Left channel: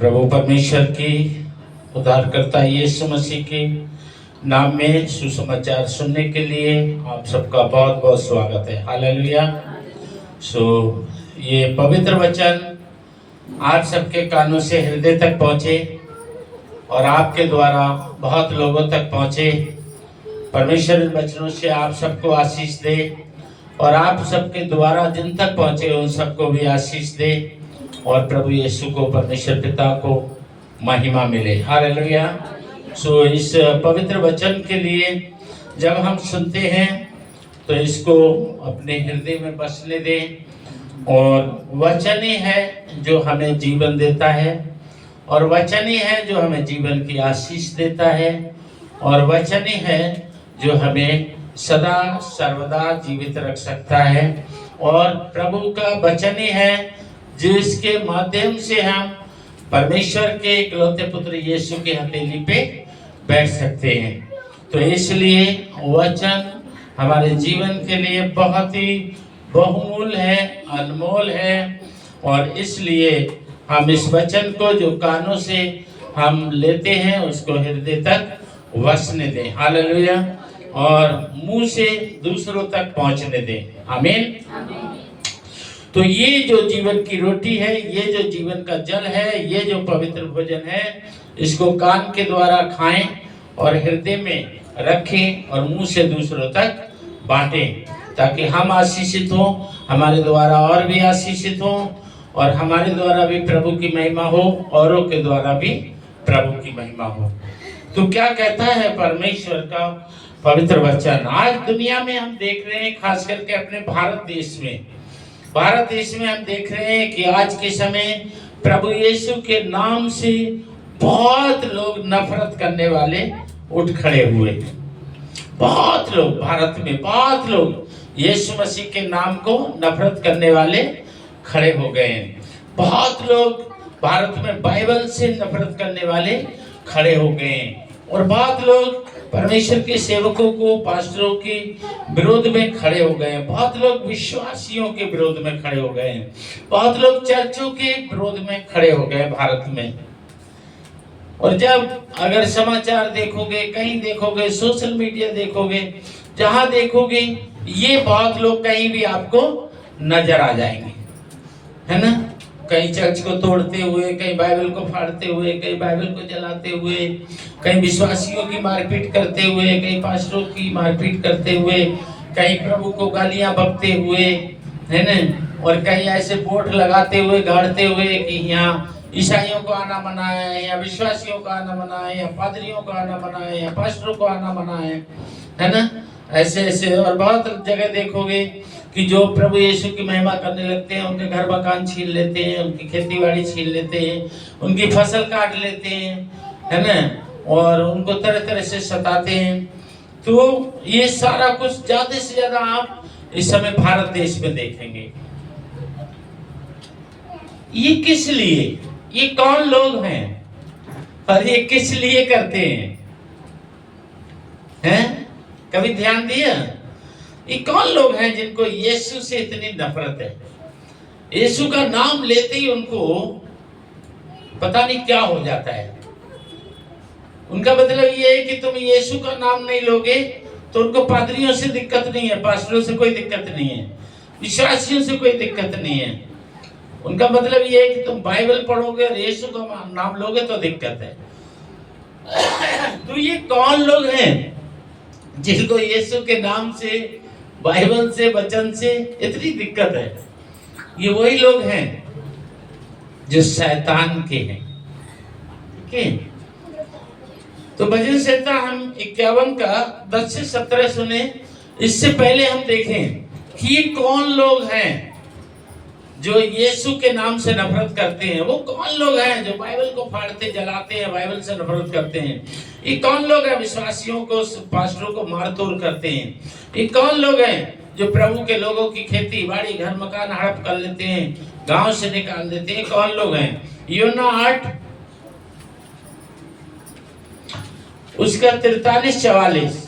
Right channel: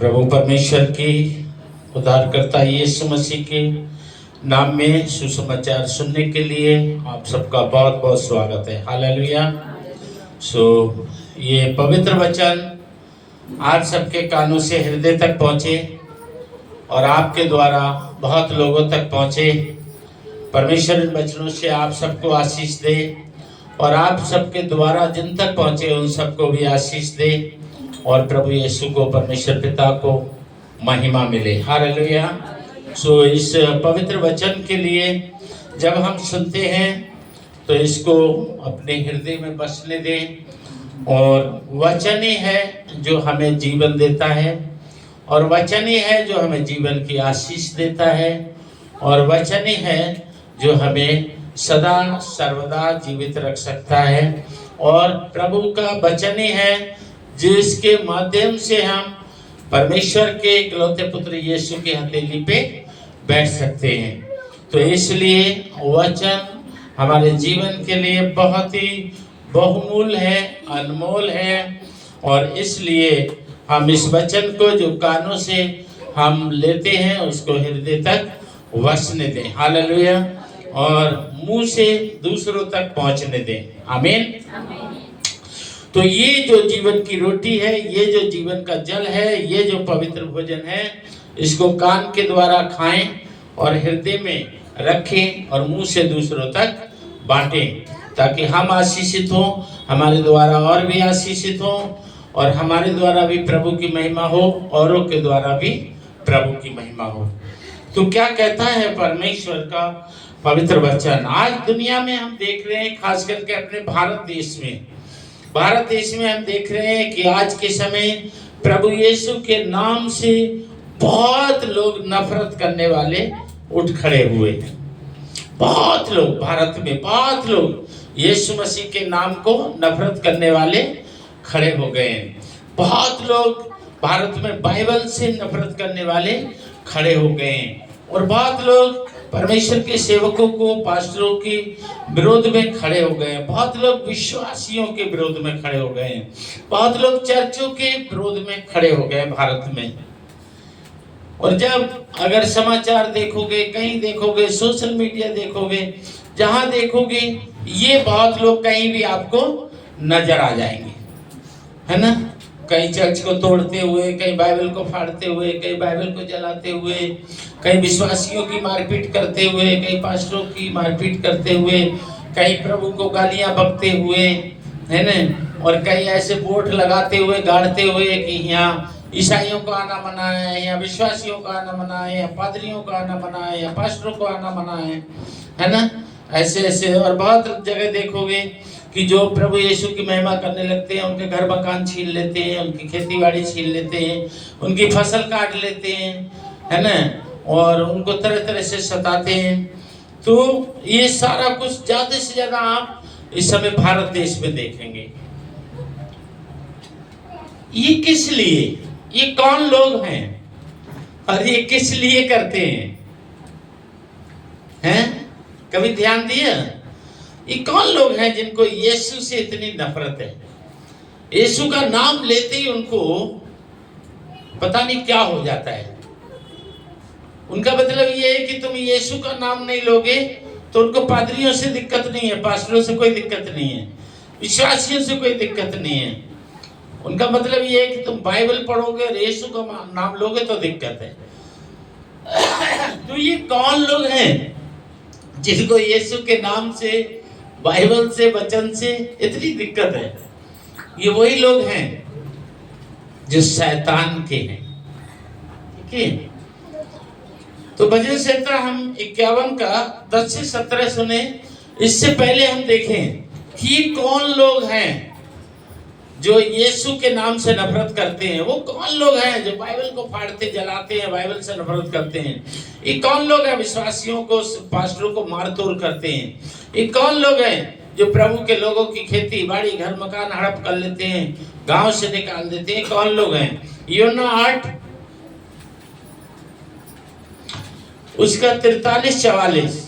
प्रभु परमेश्वर की उद्धारकर्ता यीशु मसीह के नाम में सुसमाचार सुनने के लिए आप सबका बहुत बहुत स्वागत है। हालेलुया। ये पवित्र वचन आज सबके कानों से हृदय तक पहुँचे और आपके द्वारा बहुत लोगों तक पहुँचे। परमेश्वर इन वचनों से आप सबको आशीष दे और आप सबके द्वारा जिन तक पहुँचे उन सबको भी आशीष दे और प्रभु यीशु को, परमेश्वर पिता को महिमा मिले। हालेलुया। इस पवित्र वचन के लिए जब हम सुनते हैं तो इसको अपने हृदय में बसने दें। और वचन ही है जो हमें जीवन देता है और वचन ही है जो हमें जीवन की आशीष देता है और वचन ही है जो हमें सदा सर्वदा जीवित रख सकता है। और प्रभु का वचन ही है जिसके माध्यम से हम परमेश्वर के इकलौते पुत्र यीशु की हथेली पे बैठ सकते हैं। तो इसलिए वचन हमारे जीवन के लिए बहुत ही बहुमूल्य है, अनमोल है। और इसलिए हम इस वचन को जो कानों से हम लेते हैं उसको हृदय तक वसने दें। हालेलुया। और मुंह से दूसरों तक पहुंचने दें। आमीन। तो ये जो जीवन की रोटी है, ये जो जीवन का जल है, ये जो पवित्र भोजन है, इसको कान के द्वारा खाएं और हृदय में रखें और मुंह से दूसरों तक बांटें ताकि हम आशीषित हों, हमारे द्वारा और भी आशीषित हों और हमारे द्वारा भी प्रभु की महिमा हो, औरों के द्वारा भी प्रभु की महिमा हो। तो क्या कहता है परमेश्वर का पवित्र वचन? आज दुनिया में हम देख रहे हैं, खास करके अपने भारत देश में हम देख रहे हैं कि आज के समय प्रभु यीशु के नाम से बहुत लोग नफरत करने वाले उठ खड़े हुए हैं। बहुत लोग भारत में, बहुत लोग यीशु मसीह के नाम को नफरत करने वाले खड़े हो गए हैं। बहुत लोग भारत में बाइबल से नफरत करने वाले खड़े हो गए हैं और बहुत लोग परमेश्वर के सेवकों को, पास्टरों के विरोध में खड़े हो गए हैं। बहुत लोग विश्वासियों के विरोध में खड़े हो गए हैं। बहुत लोग चर्चों के विरोध में खड़े हो गए भारत में। और जब अगर समाचार देखोगे, कहीं देखोगे, सोशल मीडिया देखोगे, जहां देखोगे, ये बहुत लोग कहीं भी आपको नजर आ जाएंगे, है ना? कहीं चर्च को तोड़ते हुए, कहीं बाइबल को फाड़ते हुए, कहीं बाइबल को जलाते हुए, कहीं विश्वासियों की मारपीट करते हुए, कहीं पास्टरों की मारपीट करते हुए, कहीं प्रभु को गालियां बकते हुए, है ना? और कहीं ऐसे बोर्ड लगाते हुए, गाड़ते हुए कि यहाँ ईसाइयों को आना मना है, या विश्वासियों का आना मना है, या पादरियों का आना मना है, या पास्टरों को आना मना है ना? ऐसे ऐसे और बहुत जगह देखोगे कि जो प्रभु यीशु की महिमा करने लगते हैं, उनके घर मकान छीन लेते हैं, उनकी खेतीबाड़ी छीन लेते हैं, उनकी फसल काट लेते हैं, है ना? और उनको तरह तरह से सताते हैं। तो ये सारा कुछ ज्यादा से ज्यादा आप इस समय भारत देश में देखेंगे। ये किस लिए? ये कौन लोग हैं और ये किस लिए करते हैं? कभी ध्यान दिया? ये कौन लोग हैं जिनको यीशु से इतनी नफरत है? यीशु का नाम लेते ही उनको पता नहीं क्या हो जाता है। उनका मतलब ये है कि तुम यीशु का नाम नहीं लोगे तो उनको पादरियों से दिक्कत नहीं है, पास्टरों से कोई दिक्कत नहीं है, विश्वासियों से कोई दिक्कत नहीं है। उनका मतलब ये है कि तुम बाइबल पढ़ोगे और यीशु का नाम लोगे तो दिक्कत है। तो ये कौन लोग हैं जिनको यीशु के नाम से, बाइबल से, वचन से इतनी दिक्कत है? ये वही लोग हैं जो शैतान के हैं। ठीक है? तो भजन संहिता हम 51 का 10 से 17 सुने। इससे पहले हम देखें कि कौन लोग हैं जो यीशु के नाम से नफरत करते हैं। वो कौन लोग हैं जो बाइबल को फाड़ते, जलाते हैं, बाइबल से नफरत करते हैं? ये कौन लोग हैं विश्वासियों को, पास्टरों को मार तोड़ करते हैं? ये कौन लोग हैं जो प्रभु के लोगों की खेती बाड़ी, घर मकान हड़प कर लेते हैं, गांव से निकाल देते हैं? कौन लोग हैं? यूहन्ना 8 उसका 43-44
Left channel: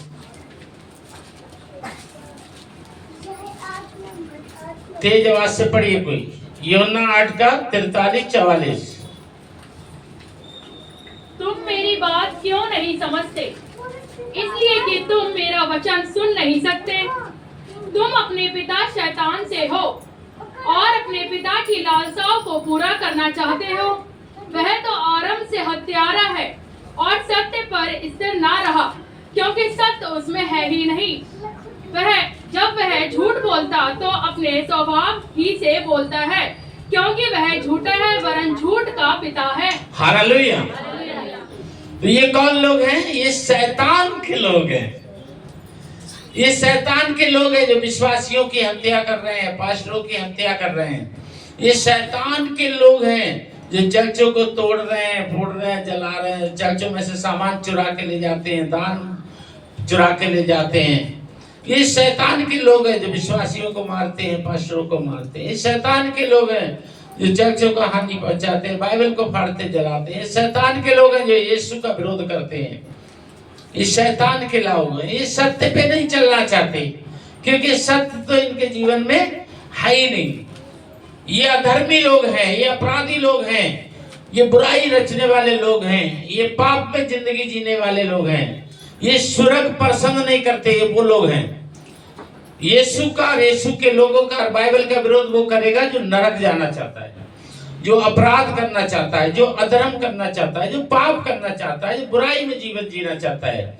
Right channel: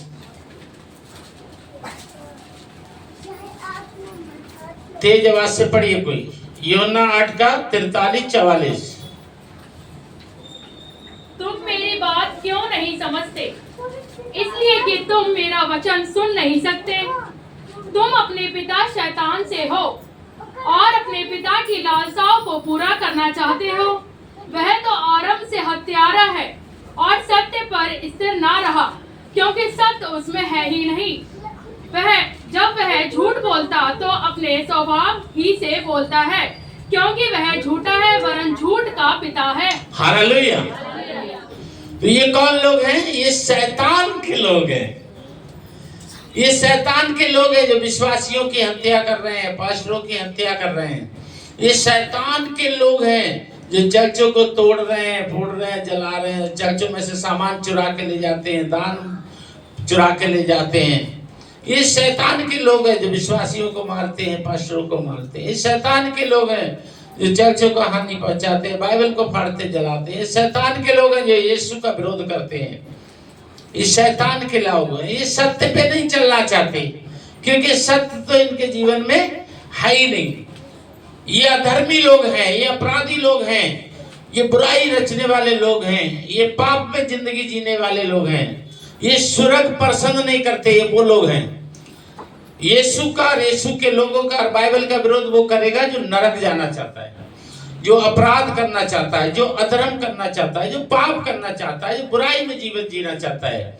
तेज आवाज से पढ़िए कोई। यूहन्ना 8 का 43-44। तुम मेरी बात क्यों नहीं समझते? इसलिए कि तुम मेरा वचन सुन नहीं सकते। तुम अपने पिता शैतान से हो और अपने पिता की लालसाओं को पूरा करना चाहते हो। वह तो आरंभ से हत्यारा है और सत्य पर स्थिर ना रहा, क्योंकि सत्य उसमें है ही नहीं। जब वह झूठ बोलता तो अपने स्वभाव ही से बोलता है, क्योंकि वह झूठा है वरन झूठ का पिता है। हालेलुया। तो ये कौन लोग हैं? ये शैतान के लोग हैं। ये शैतान के लोग हैं जो विश्वासियों की हत्या कर रहे हैं, पास्टरों की हत्या कर रहे हैं। ये शैतान के लोग हैं जो चर्चों को तोड़ रहे हैं, फोड़ रहे हैं, जला रहे हैं, चर्चों में से सामान चुरा के ले जाते हैं, दान चुरा के ले जाते हैं। ये शैतान के लोग हैं जो विश्वासियों को मारते हैं, पास्टरों को मारते हैं। ये शैतान के लोग हैं जो चर्चों को हानि पहुंचाते हैं, बाइबल को फाड़ते जलाते हैं। ये शैतान के लोग हैं जो यीशु का विरोध करते हैं। ये शैतान के लोग हैं। ये सत्य पे नहीं चलना चाहते, क्योंकि सत्य तो इनके जीवन में है ही नहीं। ये अधर्मी लोग हैं, ये अपराधी लोग हैं, ये बुराई रचने वाले लोग हैं, ये पाप में जिंदगी जीने वाले लोग हैं। ये स्वर्ग पसंद नहीं करते, ये वो लोग हैं। यीशु के लोगों का और बाइबल का विरोध वो करेगा जो नरक जाना चाहता है, जो अपराध करना चाहता है, जो अधर्म करना चाहता है, जो पाप करना चाहता है, जो बुराई में जीवन जीना चाहता है।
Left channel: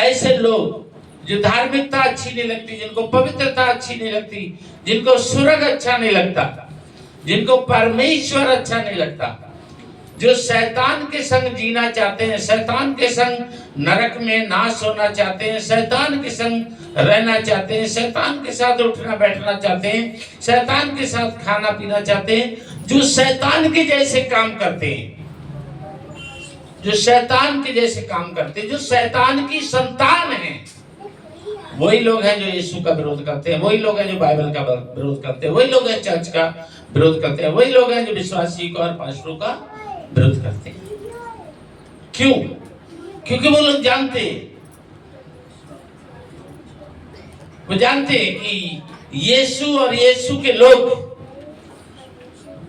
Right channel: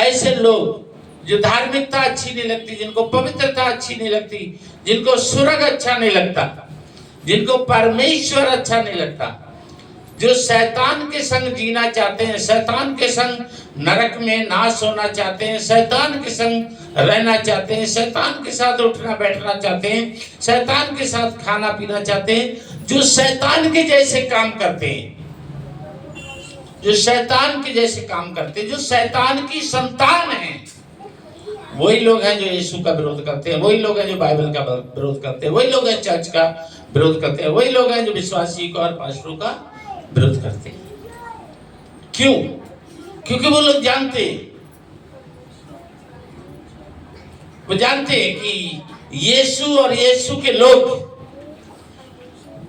ऐसे लोग जो धार्मिकता अच्छी नहीं लगती, जिनको पवित्रता अच्छी नहीं लगती, जिनको स्वर्ग अच्छा नहीं लगता, जिनको परमेश्वर अच्छा नहीं लगता, जो शैतान के संग जीना चाहते हैं, शैतान के संग नरक में नाश होना चाहते हैं, शैतान के संग रहना चाहते हैं, शैतान के साथ उठना बैठना चाहते हैं, शैतान के साथ खाना पीना चाहते हैं, जो शैतान के जैसे काम करते हैं, जो शैतान के जैसे काम करते हैं, जो शैतान की संतान हैं, वही लोग हैं जो यीशु का विरोध करते हैं, वही लोग हैं जो बाइबल का विरोध करते हैं, वही लोग हैं चर्च का विरोध करते हैं, वही लोग हैं जो विश्वासी का और पास्टरों का विरोध करते हैं। क्यों? क्योंकि वो लोग जानते हैं कि यीशु और यीशु के लोग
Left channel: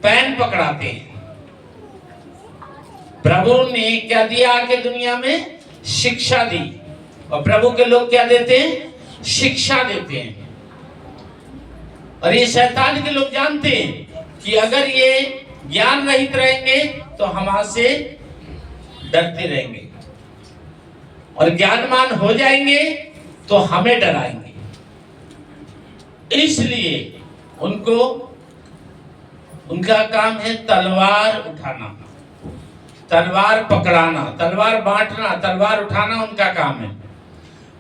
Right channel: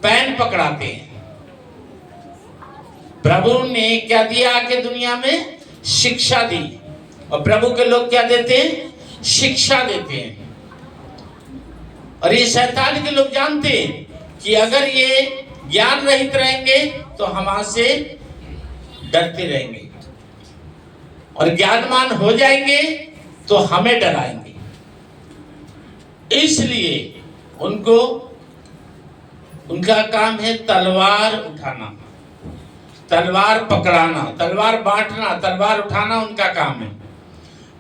पैन पकड़ाते हैं। प्रभु ने क्या दिया आके दुनिया में? शिक्षा दी। और प्रभु के लोग क्या देते हैं? शिक्षा देते हैं। और ये शैतान के लोग जानते हैं कि अगर ये ज्ञान रहित रहेंगे तो हमसे डरते रहेंगे, और ज्ञानवान हो जाएंगे तो हमें डराएंगे। इसलिए उनका काम है तलवार उठाना, तलवार पकड़ाना, तलवार बांटना, तलवार उठाना उनका काम है।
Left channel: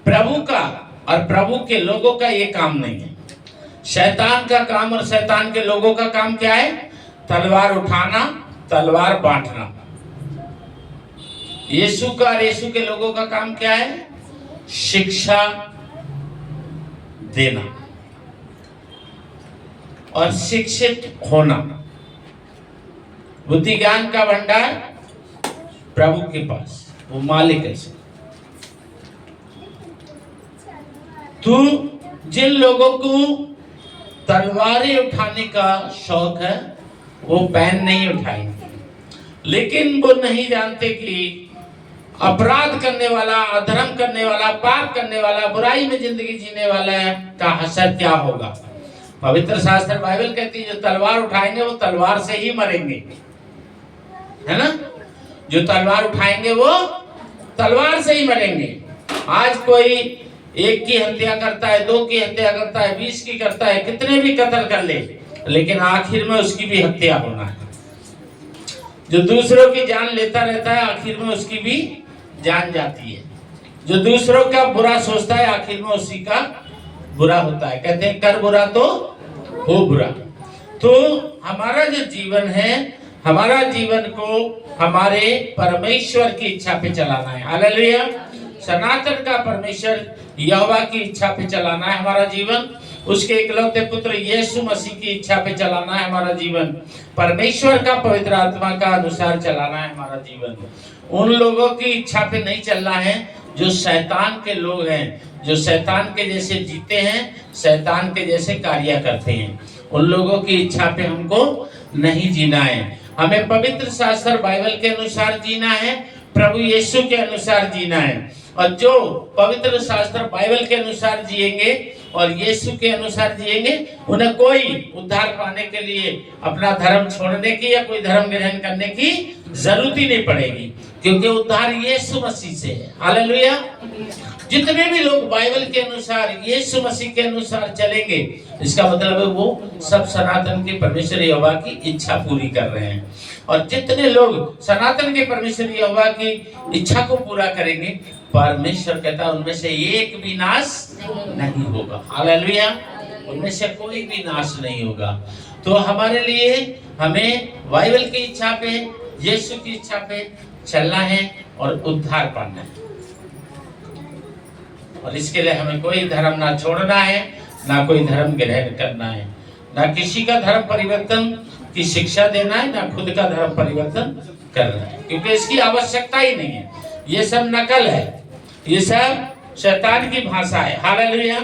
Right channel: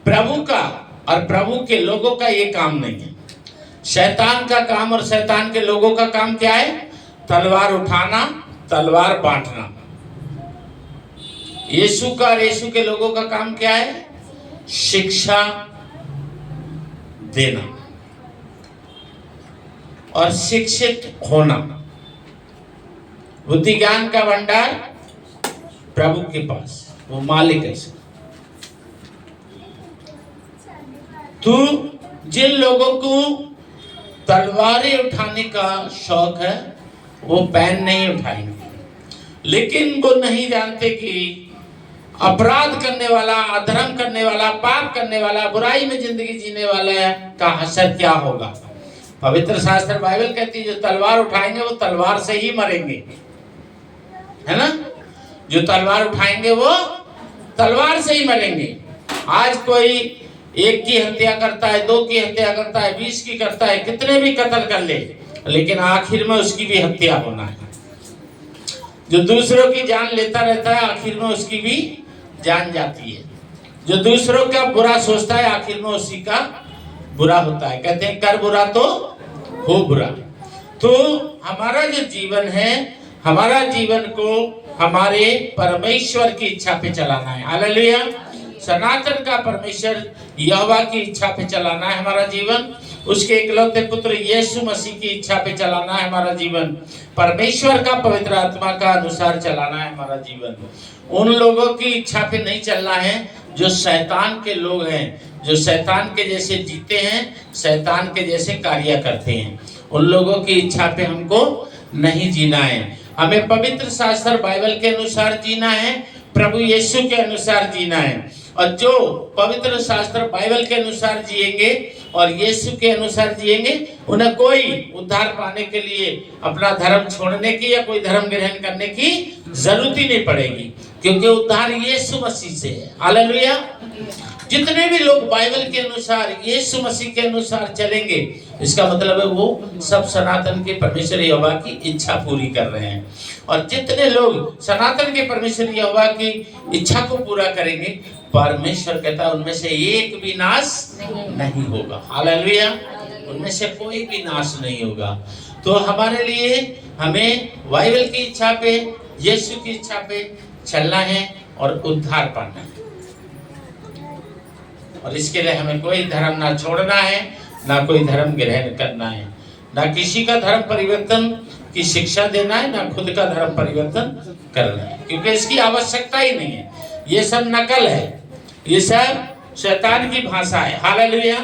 प्रभु का और प्रभु के लोगों का ये काम नहीं है। शैतान का काम और शैतान के लोगों का काम क्या है? तलवार उठाना, तलवार बांटना। यीशु का और यीशु के लोगों का काम क्या है? शिक्षा देना और शिक्षित होना। बुद्धि ज्ञान का भंडार प्रभु के पास, वो मालिक है। तू जिन लोगों को तलवारें उठाने का शौक है वो पैन नहीं उठाएंगे, लेकिन वो नहीं जानते कि अपराध करने वाला, अधर्म करने वाला, पाप करने वाला, बुराई में जिंदगी जीने वाला का हशर क्या होगा। पवित्र शास्त्र बाइबल कहती है जो तलवार उठाएंगे वो तलवार से ही मरेंगे, है ना? जो तलवार उठाएंगे वो तलवार से ही मरेंगे। आज कोई एक की हत्या करता है, 2 की हत्या करता है, 20 की करता है, कितने भी कत्ल कर ले, लेकिन आखिर में उसकी भी हत्या होना है। जो दूसरों की जान लेता रहता है आखिर में उसकी भी जान जाती है। जो दूसरों का बुरा सोचता है आखिर में उसी का बुरा होता है। कहते हैं कर बुरा तो हो बुरा। तो हमारा जो जीवन है, हमारा जीवन को हमारे परमेश्वर की इच्छा पे चलाना है। हालेलुया। सनातन का परमेश्वर यहोवा की इच्छा पे चलाना है हमारा जीवन। उसके इकलौते पुत्र यीशु मसीह की इच्छा पे चलाना है हमारा जीवन। परमेश्वर का पवित्र आत्मा का अनुसार चलाना है हमारा जीवन। उन लोगों की इच्छा पे नहीं चलना है जो शैतान के लोग हैं, जो शैतान के जैसे जीते हैं, शैतान के जैसे कार्य करते हैं। उन लोगों की इच्छा पे हमको नहीं जीना है। हमें पवित्र शास्त्र बाइबल के अनुसार जीना है प्रभु यीशु के अनुसार जीना है। और जो पवित्र शास्त्र बाइबल के अनुसार जिएंगे और यीशु के अनुसार जिएंगे, उन्हें कोई उद्धार पाने के लिए अपना धर्म छोड़ने की या कोई धर्म ग्रहण करने की जरूरत ही नहीं पड़ेगी, क्योंकि उद्धार यीशु मसीह से है। हालेलुया। जितने भी लोग बाइबल के अनुसार यीशु मसीह के अनुसार चलेंगे, इसका मतलब है वो सब सनातन के परमेश्वर यहोवा की इच्छा पूरी कर रहे हैं। और जितने लोग सनातन के परमेश्वर यहोवा की इच्छा को पूरा करेंगे, परमेश्वर कहता है उनमें से एक भी नाश नहीं होगा। हालेलुया। उनमें से कोई भी नाश नहीं होगा। तो हमारे लिए हमें बाइबल की इच्छा पे, यीशु की इच्छा पे चलना है और उद्धार पाना है। और इसके लिए हमें कोई धर्म ना छोड़ना है, ना कोई धर्म ग्रहण करना है, ना किसी का धर्म परिवर्तन की शिक्षा देना है, ना खुद का धर्म परिवर्तन करना है, क्योंकि इसकी आवश्यकता ही नहीं है। ये सब नकल है, ये सब शैतान की भाषा है। हालेलुया।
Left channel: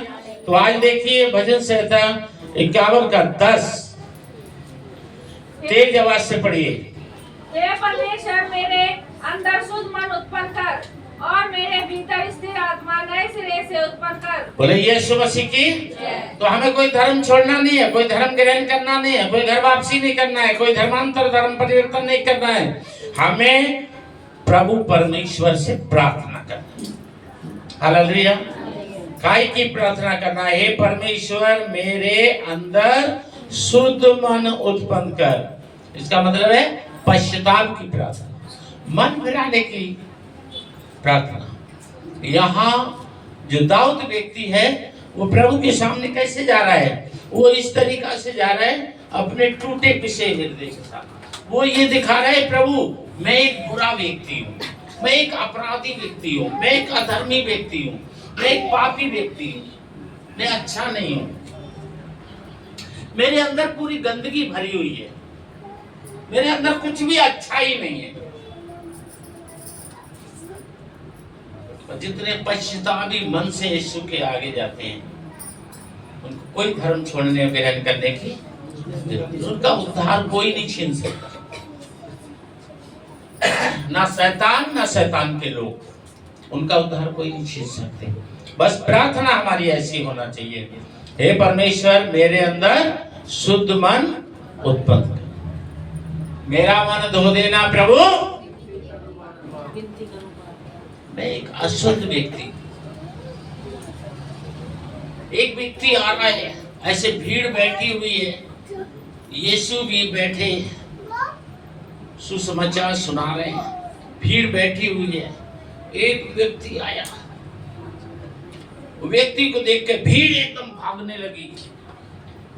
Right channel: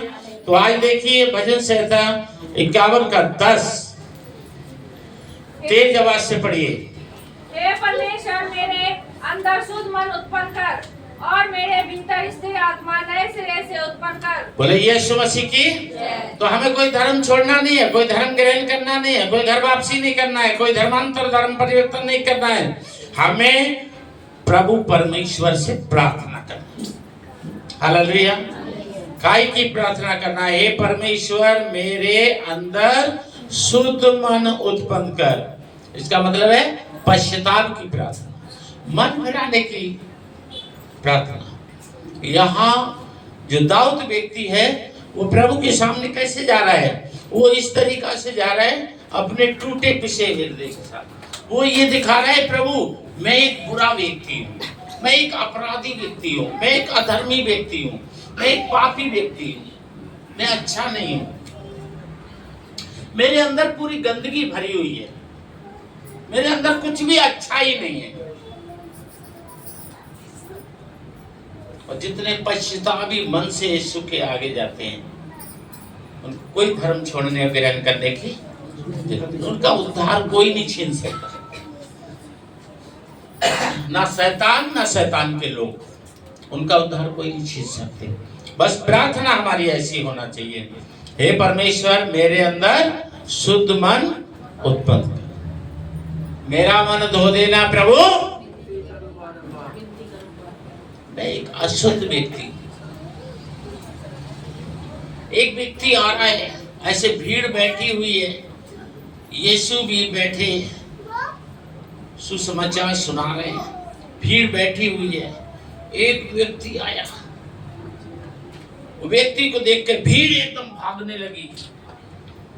तो आज देखिए भजन संहिता 51 का 10 तेज आवाज से पढ़िए। हे परमेश्वर, मेरे अंदर शुद्ध मन उत्पन्न कर और मेरे भीतर स्थिर आत्मा नए सिरे से उत्पन्न कर। बोले यीशु मसीह की। तो हमें कोई धर्म छोड़ना नहीं है, कोई धर्म ग्रहण करना नहीं है, कोई घर वापसी नहीं करना है, कोई धर्मांतर धर्म परिवर्तन नहीं करना है। हमें प्रभु परमेश्वर से प्रार्थना करना है। हालेलुया। काय की प्रार्थना करना है? हे परमेश्वर, मेरे अंदर शुद्ध मन उत्पन्न कर। इसका मतलब है पश्चाताप की प्रार्थना, मन फिराने की प्रार्थना। यहाँ जो दाऊद व्यक्ति है वो प्रभु के सामने कैसे जा रहा है? वो इस तरीका से जा रहा है अपने टूटे पिसे हृदय के साथ। वो ये दिखा रहा है, प्रभु मैं एक बुरा व्यक्ति हूँ, मैं एक अपराधी व्यक्ति हूँ, मैं एक अधर्मी व्यक्ति हूँ, मैं एक पापी व्यक्ति हूँ, मैं अच्छा नहीं हूँ, मेरे अंदर पूरी गंदगी भरी हुई है, मेरे अंदर कुछ भी अच्छा ही नहीं है। और जितने पश्चातापी मन से यीशु के आगे जाते हैं, उनको कोई धर्म छोड़ने ग्रहण करने की, उनका उद्धार कोई नहीं छीन सकता। ना शैतान, ना शैतान के लोग, उनका उद्धार कोई नहीं छीन सकते। बस प्रार्थना हमारी ऐसी होना चाहिए, हे परमेश्वर, मेरे अंदर शुद्ध मन उत्पन्न कर, मेरा मन धो देना प्रभु। मैं एक अशुद्ध व्यक्ति, एक व्यक्ति आ रहा है, ऐसे भीड़ बैठी हुई है, यीशु भी बैठे सुसमाचार सुना रहे हैं, भीड़ बैठी हुई है। एक व्यक्ति आया, वो व्यक्ति को देख के भीड़ एकदम भागने लगी।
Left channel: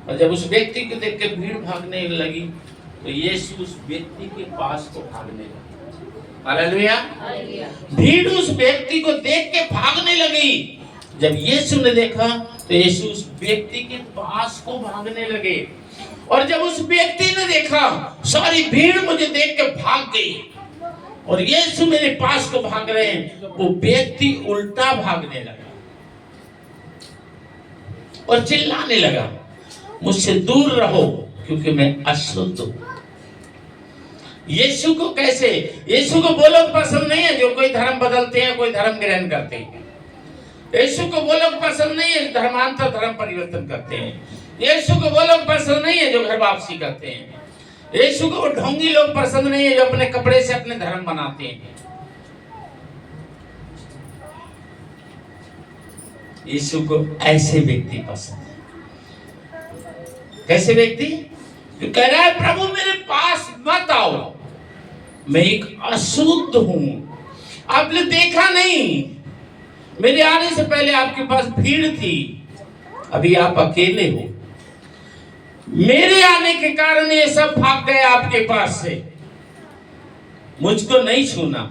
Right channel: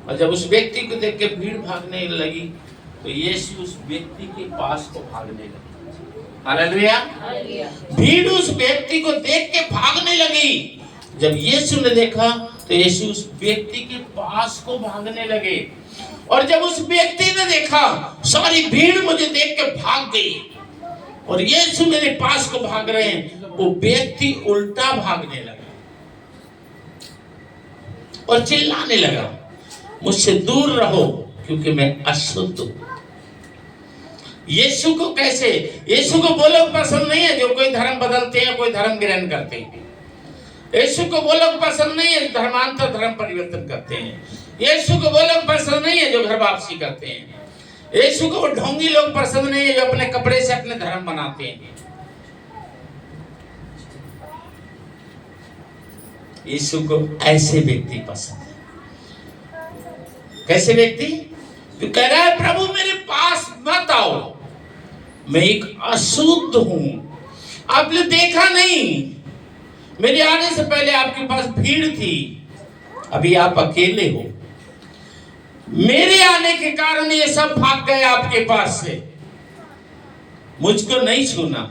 और जब उस व्यक्ति को देख के भीड़ भागने लगी तो यीशु उस व्यक्ति के पास को भागने लगी। हालेलुया। भीड़ उस व्यक्ति को देख के भागने लगी। जब यीशु ने देखा तो यीशु उस व्यक्ति के पास को भागने लगे। और जब उस व्यक्ति ने देखा सारी भीड़ मुझे देख के भाग गई और यीशु मेरे पास को भाग रहे हैं, वो व्यक्ति उल्टा भागने लगा और चिल्लाने लगा, मुझसे दूर रहो क्योंकि मैं अशुद्ध हूं। यीशु को कैसे? यीशु को वो लोग पसंद नहीं है जो कोई धर्म बदलते हैं, कोई धर्म ग्रहण करते हैं। यीशु को वो लोग पसंद नहीं है जो धर्मांतर धर्म परिवर्तन करते हैं। यीशु को वो लोग पसंद नहीं है जो घर वापसी करते हैं। यीशु को वो ढोंगी लोग पसंद नहीं है जो अपने कपड़े से अपने धर्म बनाते हैं। यीशु को ऐसे व्यक्ति पसंद है। कैसे व्यक्ति? जो कह रहा है प्रभु मेरे पास मत आओ, मैं एक अशुद्ध हूं, आपने देखा नहीं, मेरे आने से पहले आपके पास भीड़ थी, अभी आप अकेले हो, मेरे आने के कारण ये सब भाग गए आपके पास से, मुझको नहीं छूना,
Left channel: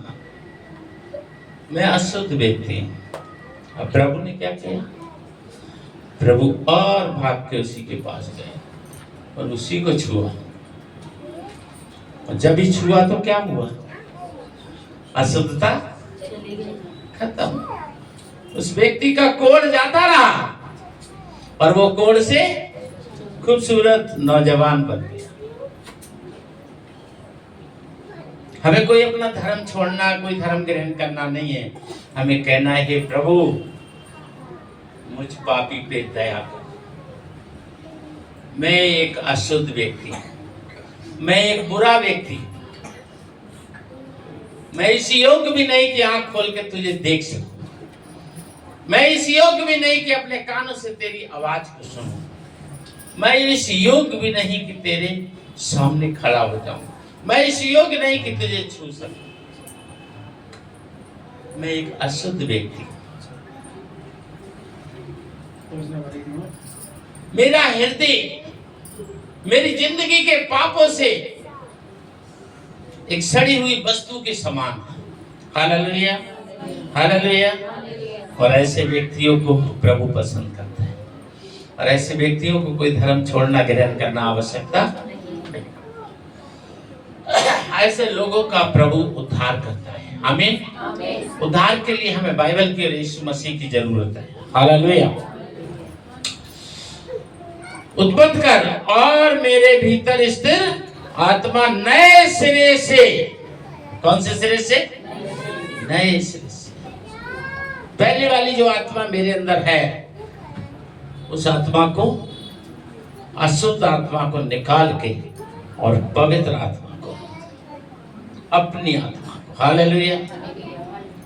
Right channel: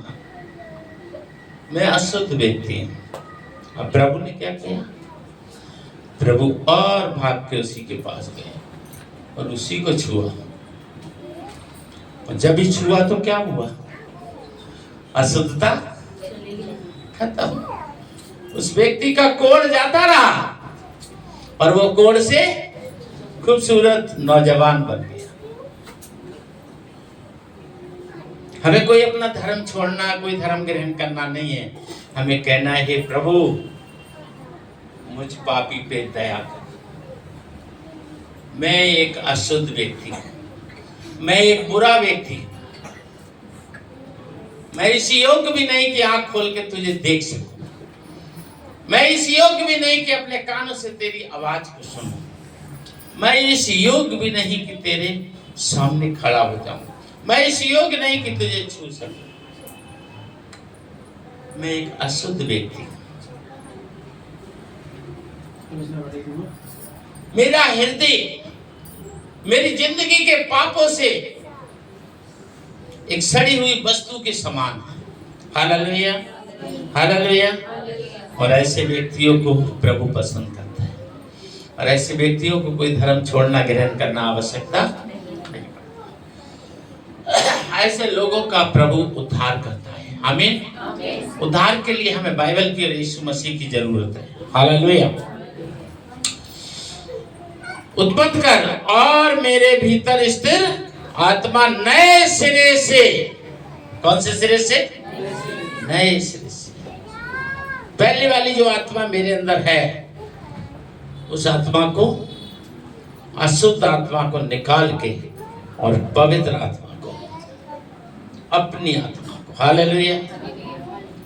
मैं अशुद्ध व्यक्ति हूं। अब प्रभु ने क्या किया? प्रभु और भाग के उसी के पास गए और उसी को छुआ। और जब ही छुआ तो क्या हुआ? अशुद्धता खत्म। उस व्यक्ति का कोढ़ जाता रहा और वो कोढ़ से खूबसूरत नौजवान बन गया। हमें कोई अपना धर्म छोड़ना, कोई धर्म ग्रहण करना नहीं है। हमें कहना है, हे प्रभु मुझ पापी पे दया कर। मैं एक अशुद्ध व्यक्ति हूं, मैं एक बुरा व्यक्ति हूं, मैं इस योग्य भी नहीं कि आंख खोल के तुझे देख सकूं, मैं इस योग्य भी नहीं कि अपने कानों से तेरी आवाज को सुनूं, मैं इस योग्य भी नहीं कि तेरे सामने खड़ा हो जाऊं, मैं इस योग्य नहीं कि तुझे छू सकूं। मैं एक अशुद्ध व्यक्ति हूं। मेरा हृदय मेरी जिंदगी के पापों से एक सड़ी हुई वस्तु के समान है। Hallelujah, hallelujah. और ऐसे व्यक्तियों को प्रभु पसंद करता है, और ऐसे व्यक्तियों को कोई धर्म छोड़ना, ग्रहण करना आवश्यकता नहीं। ऐसे लोगों का प्रभु उद्धार करता है। आमीन। उद्धार के लिए हमें बाइबल की और यीशु मसीह की जरूरत है। हालेलुया। उत्पन्न कर और मेरे भीतर स्थिर आत्मा नए सिरे से, कौन से सिरे से? नए सिरे से। पहली वाली जो आत्मा मेरे अंदर है, उस आत्मा को, अशुद्ध आत्मा को निकाल के और पवित्र आत्मा को, अपनी आत्मा को, हालेलुया।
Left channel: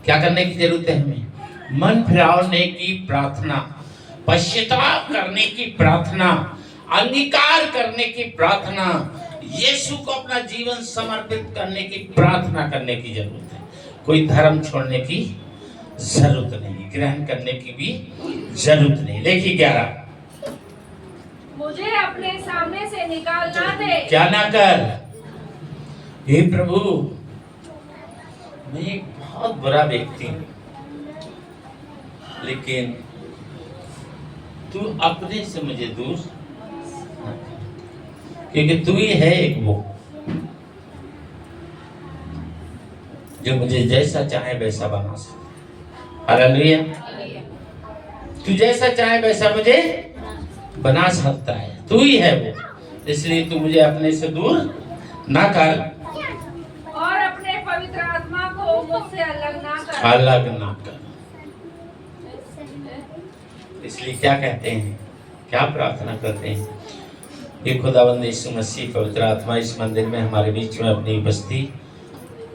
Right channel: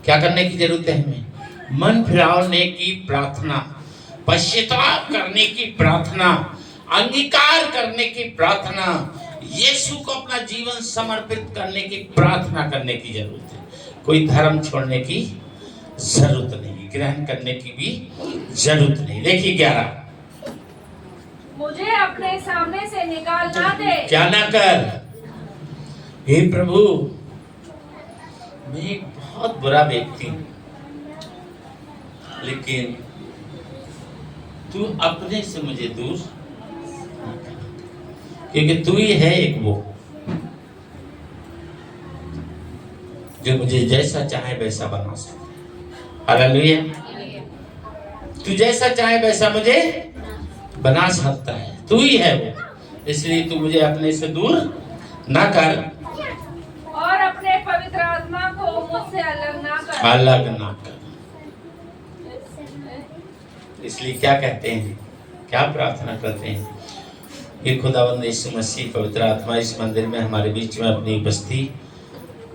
क्या करने की जरूरत है हमें? मन फिरावने की प्रार्थना, पश्चाताप करने की प्रार्थना, अंगीकार करने की प्रार्थना, यीशु को अपना जीवन समर्पित करने की प्रार्थना करने की जरूरत है। कोई धर्म छोड़ने की जरूरत नहीं, ग्रहण करने की भी जरूरत नहीं। देखिए 11, मुझे अपने सामने से निकाल ना दे। क्या ना कर? हे प्रभु मैं एक बहुत बुरा व्यक्ति हूं, लेकिन तू अपने से मुझे दूर ना कर, क्योंकि तू ही है एक वो जो मुझे जैसा चाहे वैसा बना सकता है। हालेलुया। तू जैसा चाहे वैसा मुझे बना सकता है, तू ही है वो। इसलिए तू मुझे अपने से दूर ना कर और अपने पवित्र आत्मा को मुझसे अलग ना कर। अलग ना कर। इसलिए क्या कहते हैं, क्या प्रार्थना करते हैं? ये खुदावंद यीशु मसीह पवित्र आत्मा इस मंदिर में हमारे बीच में अपनी बस्ती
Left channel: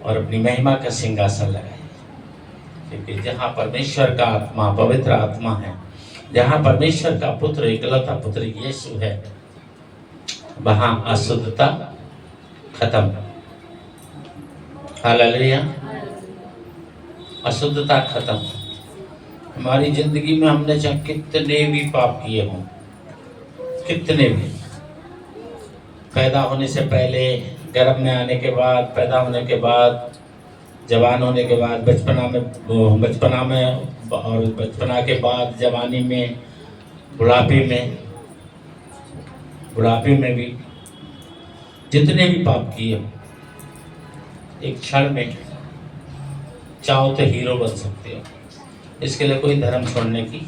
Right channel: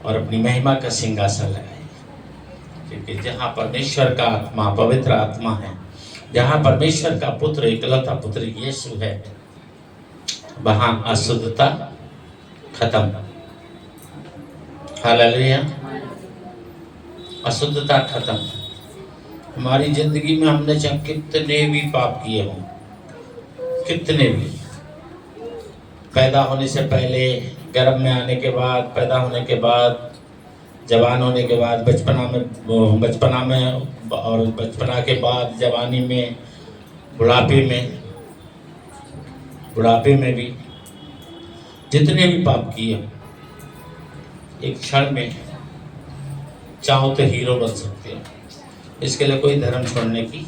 और अपनी महिमा का सिंहासन लगाए, क्योंकि जहाँ परमेश्वर का आत्मा, पवित्र आत्मा है, जहाँ परमेश्वर का पुत्र, इकलौता पुत्र यीशु है, वहाँ अशुद्धता खत्म। हालेलुया। अशुद्धता खत्म। हमारी जिंदगी में हमने चाहे कितने भी पाप किए हों, कितने भी, पैदा होने से पहले, गर्भ में आने के बाद, पैदा होने के बाद, जवान होने के बाद, बचपना में और बचपना के बाद, जवानी में, बुढ़ापे में भी जितने भी पाप किए, एक क्षण में चाहो तो हीरो बन सकते हो। इसके लिए कोई धर्म छोड़ने की,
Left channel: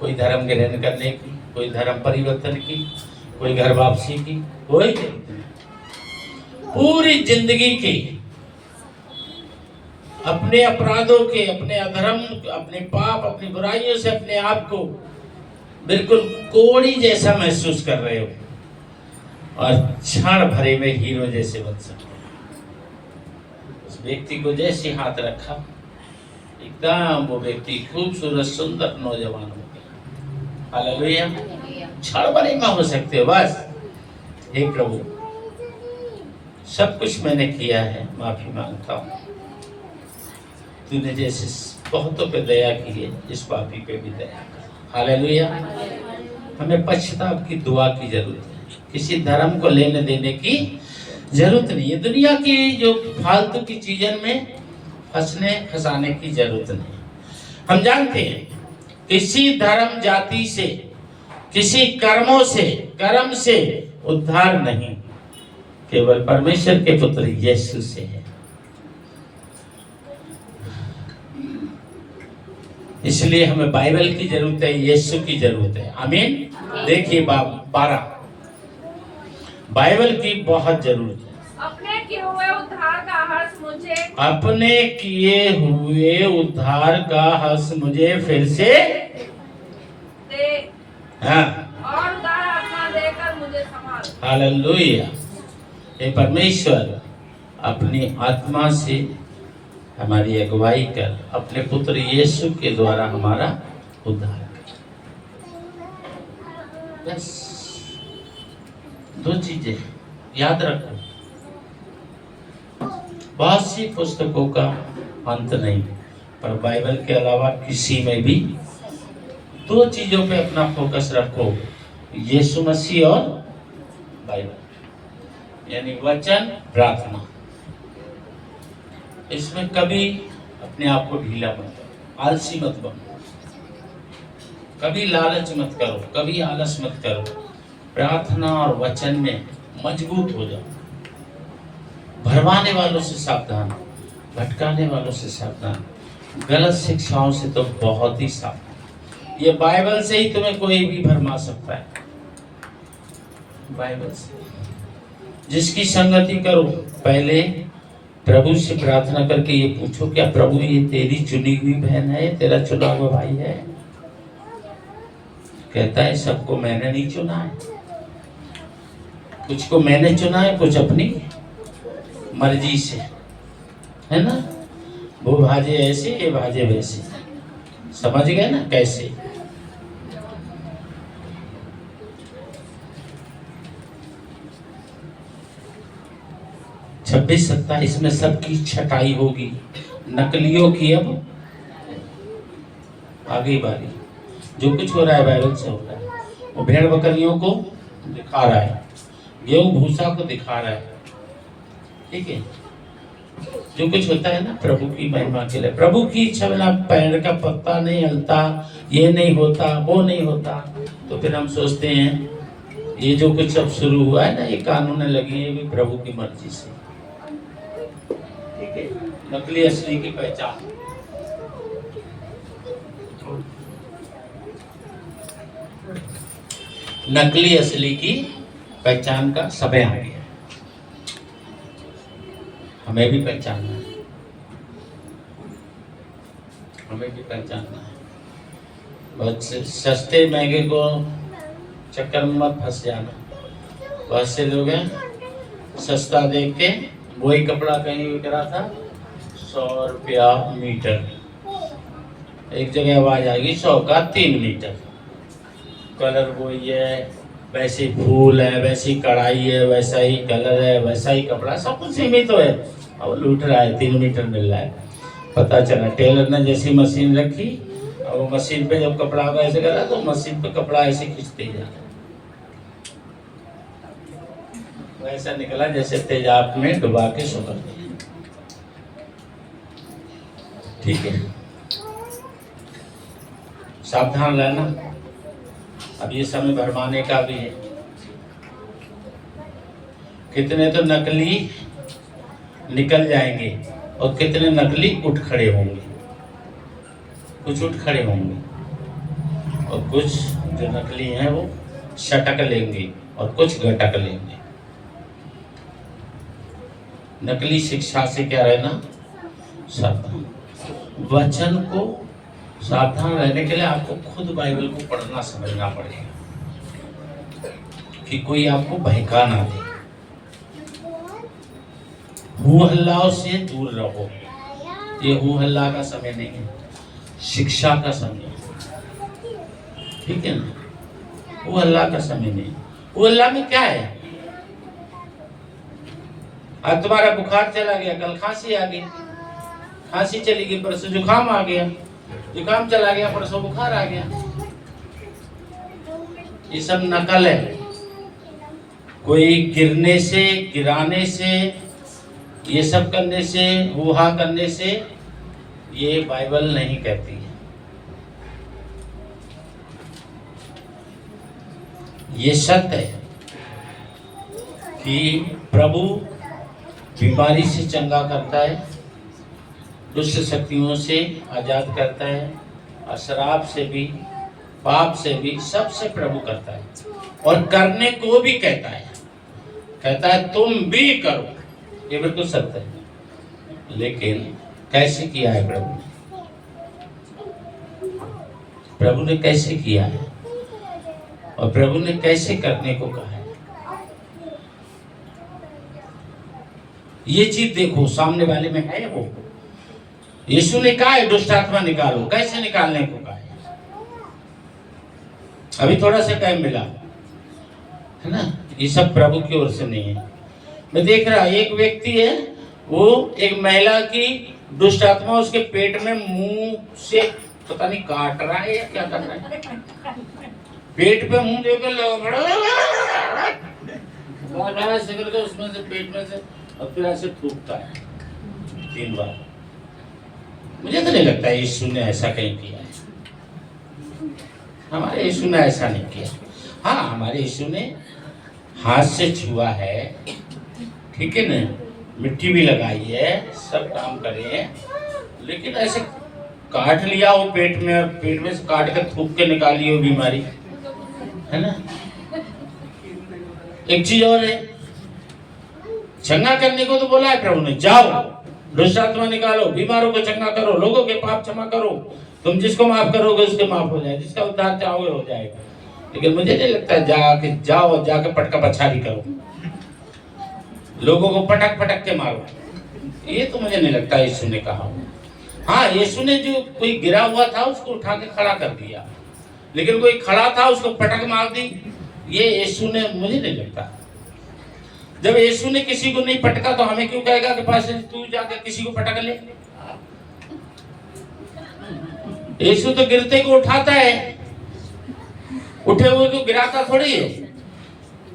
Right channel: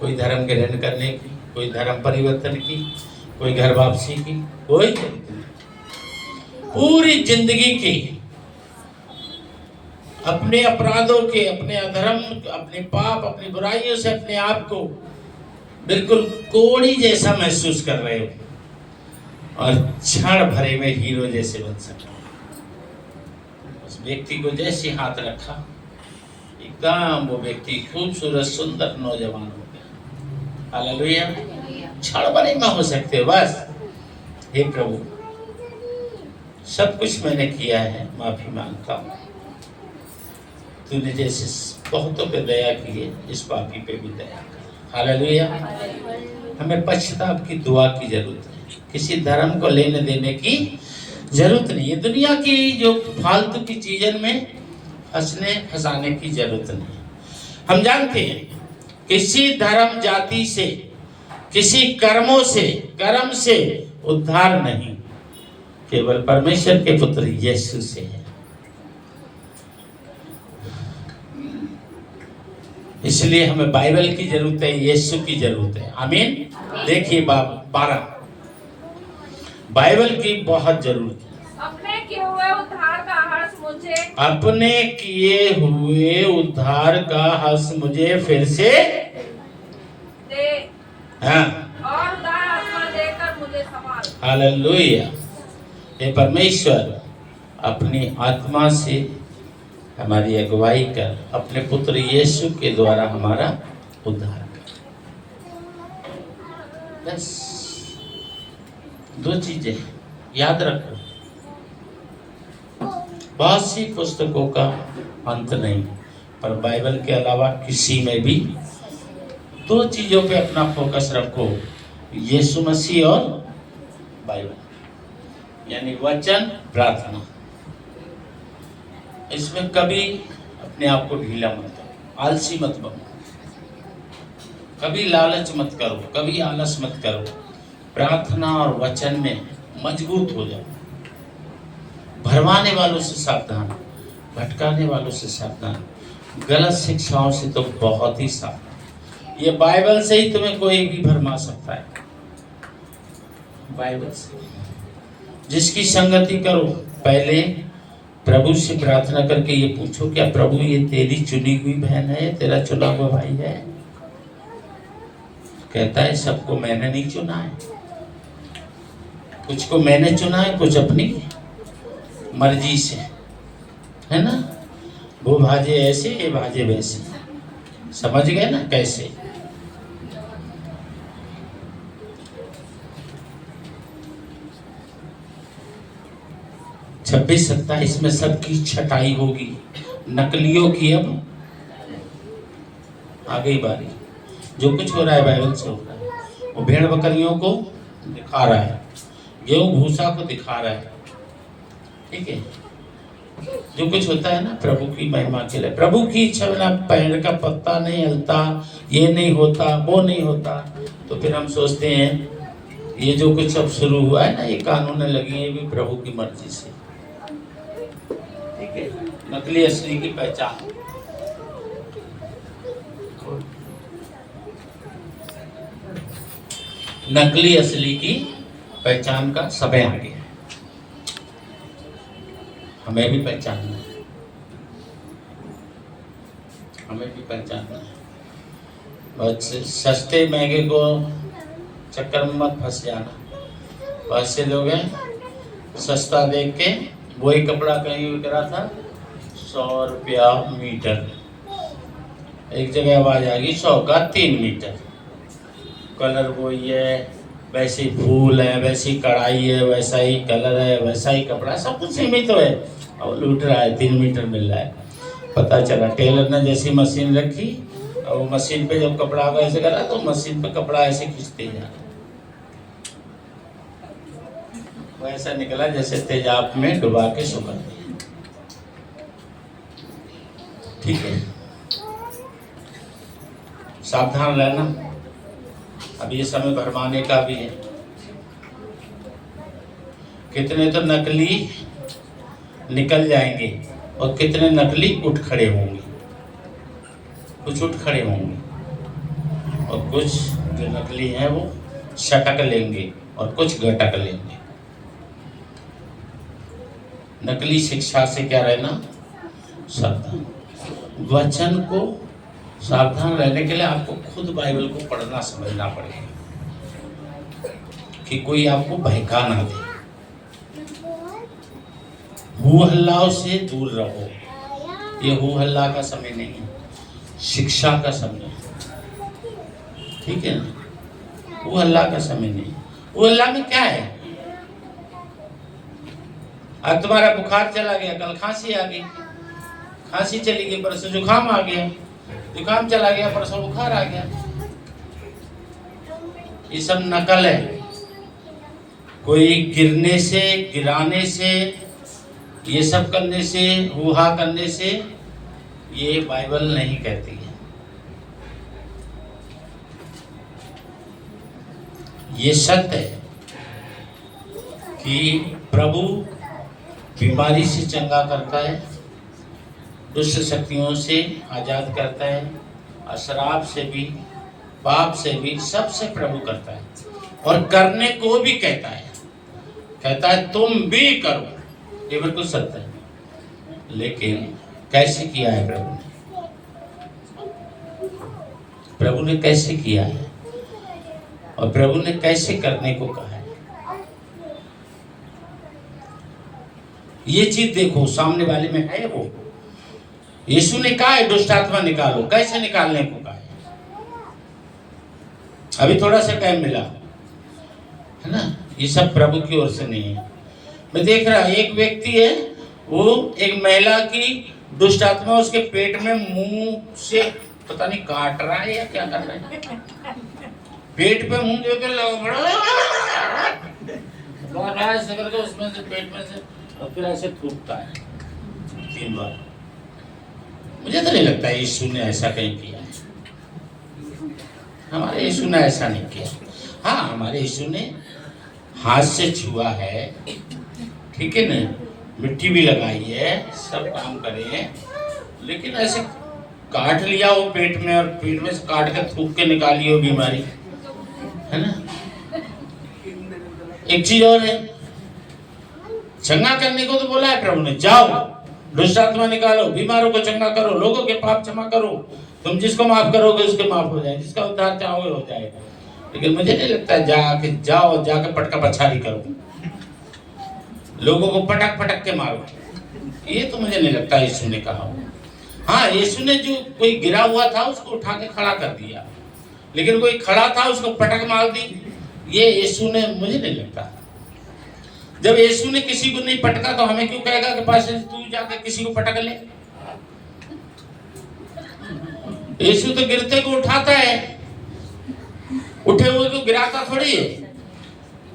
कोई धर्म ग्रहण करने की, कोई धर्म परिवर्तन की, कोई घर वापसी की कोई जरूरत नहीं। पूरी जिंदगी की अपने अपराधों के, अपने अधर्म, अपने पाप, अपनी बुराइयों से अपने आप को बिल्कुल कोड़ी जैसा महसूस कर रहे हो और क्षण भरे में हीरो जैसे बन सकते हो। उस व्यक्ति को जैसे हाथ रखा, एकदम वो व्यक्ति खूबसूरत सुंदर नौजवान हो गया। हालेलुया। क्षण भरे में हो सकते हो बस। हे प्रभु सब कुछ मैंने किया है, माफी मांगता हूँ। तूने जैसे बहुतों पे दया की है, इस पापी पे भी दया कर। हालेलुया। हमें पश्चाताप की दुआ की जरूरत है, किसी धर्म को लेने देने की जरूरत नहीं है। दुनिया की जो फालतू की चीजों में फंसाने की जरूरत नहीं। हम जानते हैं किसी धर्म जाति से, किसी कर्मों से, कर्म से उद्धार नहीं, केवल परमेश्वर के पुत्र यीशु से है। इसलिए हमें बाइबल की जरूरत है, यीशु की जरूरत है। आमीन। देखिए 12, बाइबल की बहुत जरूरत है। अपने किए हुए उद्धार का मुझे अपने किए हुए उद्धार का हर्ष मुझे फिर से दे हाँ और दान आत्मा देकर मुझे संभाल। हालेलुया। हे परमेश्वर, अपनी आत्मा से हमारी अगुवाई कर, अपने पुत्र यीशु के द्वारा हमारा उद्धार कर। बस दो चीजें याद रखो। बहुत सी पुस्तकों का अंत नहीं, पर बाइबल के अलावा किसी में भी दो चीजों पे अपना फोकस रखो, यीशु मसीह और बाइबल, यानी वचन, प्रार्थना। इसमें कभी अपने आप को ढीला मत करो, आलसी मत बनो, कभी लालच मत करो, कभी आलस मत करो। प्रार्थना और वचन में मजबूत हो जाओ। भरमाने वालों से सावधान, भटकाने वालों से सावधान, गलत शिक्षाओं से तो बहुत ही सावधान। ये बाइबल से ही तुम्हें कोई भी भरमा सकता है, बाइबल से। जिसकी संगति करो, पहले प्रभु से प्रार्थना करके ये पूछो, क्या प्रभु ये तेरी चुनी हुई बहन है, तेरा चुना हुआ भाई है? कहता है सबको मैंने नहीं चुना है, कुछ को मैंने चुना है, कुछ अपनी मर्जी से, है ना। वो भाजे ऐसे, ये भाजे वैसे, समझ गए ना कैसे। छब्बीस 27 में सबकी छटाई होगी, नकलियों की अब आ गई बारी। जो कुछ हो रहा है बाइबल से होता है। वो भेड़ बकरियों को दिखा रहा है, गेहूं भूसा को दिखा रहा है, ठीक है। जो कुछ होता है ना प्रभु की महिमा के लिए, प्रभु की इच्छा बिना पेड़ का पत्ता नहीं हिलता, ये नहीं होता, वो नहीं होता। तो फिर हम सोचते हैं ये जो कुछ अब शुरू हुआ है ना, ये कानून लगी है भी प्रभु की मर्जी से, ठीक है। नकली असली की पहचान, नकली असली की पहचान का समय आ गया। हमें भी पहचानना है, हमें भी पहचानना है। बहुत सस्ते महंगे को चक्कर में मत फंस जाना। बहुत से लोग हैं सस्ता देख के, वही कपड़ा कहीं बिक रहा था 100 रुपया मीटर, एक जगह आवाज आ गई 100 का 3 मीटर। कलर वही है, वैसी फूल है, वैसी कढ़ाई है, वैसा ही कलर है, वैसा ही कपड़ा, सब कुछ सीमित तो है, और लूट रहा है, 3 मीटर मिल रहा है। पता चला टेलर ने जैसी मशीन रखी, और वो मशीन पे जब कपड़ा ऐसे करा तो मशीन पे कपड़ा ऐसे खींचते जा, वो ऐसा निकला जैसे तेजाब में डुबा के सुखा दिया, ठीक है। सावधान रहना। अब ये समय भरमाने का भी है। कितने तो नकली निकल जाएंगे और कितने नकली उठ खड़े होंगे। कुछ उठ खड़े होंगे और कुछ जो नकली हैं वो शटक लेंगे और कुछ घटक लेंगे। नकली शिक्षा से क्या रहना? सावधान। वचन को सावधान रहने के लिए आपको खुद बाइबल को पढ़ना समझना पड़ेगा कि कोई आपको बहका ना दे। हू हल्लाओं से दूर रहो। ये हू हल्ला का समय नहीं है, शिक्षा का समय है, ठीक है ना। हू हल्ला का समय नहीं। हू हल्ला में क्या है? आज तुम्हारा बुखार चला गया, कल खांसी आ गई, खांसी चली गई, परसों जुकाम आ गया, जुकाम चला गया, परसों बुखार आ गया। ये सब नकल है। कोई गिरने से, गिराने से, ये सब करने से, हुहा करने से ये बाइबल नहीं कहती है। ये सत्य है कि प्रभु बीमारी से चंगा करता है, दुष्ट शक्तियों से आजाद करता है, अशराब से भी, पाप से भी, सबसे प्रभु करता है। और करने को भी कहता है तुम भी करो। ये बिल्कुल सत्य है। लेकिन कैसे किया है प्रभु ने? प्रभु ने कैसे किया है और प्रभु ने कैसे करने को कहा है? ये चीज देखो, सामने वाले में है वो। यीशु ने कहा है दुष्ट आत्मा निकालो, कैसे निकालने को कहा है? अभी थोड़ा सा टाइम मिला है ना, ये सब प्रभु की ओर से नहीं है। मैं देख रहा, एक व्यक्ति है, वो एक महिला की दुष्ट आत्मा उसके पेट में मुंह से पता नहीं काट रहा है या क्या कर रहा है, पेट पे मुंह लेकर ऐसे करके उसमें से पेट में से और फिर ऐसे फूकता है 3 बार। मुझे तो नहीं लगता यीशु ने ऐसा कहीं किया है। हमारे यीशु ने ऐसा नहीं किया। हाँ, हमारे यीशु ने हाथ से छुआ है, ठीक है ना, मिट्टी भी लगाई है, सब काम करे हैं, लेकिन ऐसे काट लिया वो पेट में और पेट में से काट कर थूक के निकाली वो बीमारी, है ना। एक चीज और है, चंगा करने को तो बोला है प्रभु ने, जाओ दुष्ट आत्मा निकालो, बीमारों को चंगा करो, लोगों के पाप क्षमा करो, तुम जिसको माफ करोगे उसके माफ हो जाए, जिसका उद्धार चाहोगे हो जाएगा। लेकिन मुझे नहीं लगता जाके पटका पछाड़ी करो, लोगों को पटक पटक के मारो, ये तो मुझे नहीं लगता यीशु ने कहा हो। हाँ, यीशु ने जो कोई गिरा हुआ था उसको उठा के खड़ा कर दिया, लेकिन कोई खड़ा था उसको पटक मार दी, ये यीशु ने, मुझे नहीं लगता। जब यीशु ने किसी को नहीं पटका तो हमें क्यों कहेगा कि पास तू जाकर किसी को पटक ले? यीशु तो गिरते को उठाता है, उठे हुए को गिराता थोड़ी है।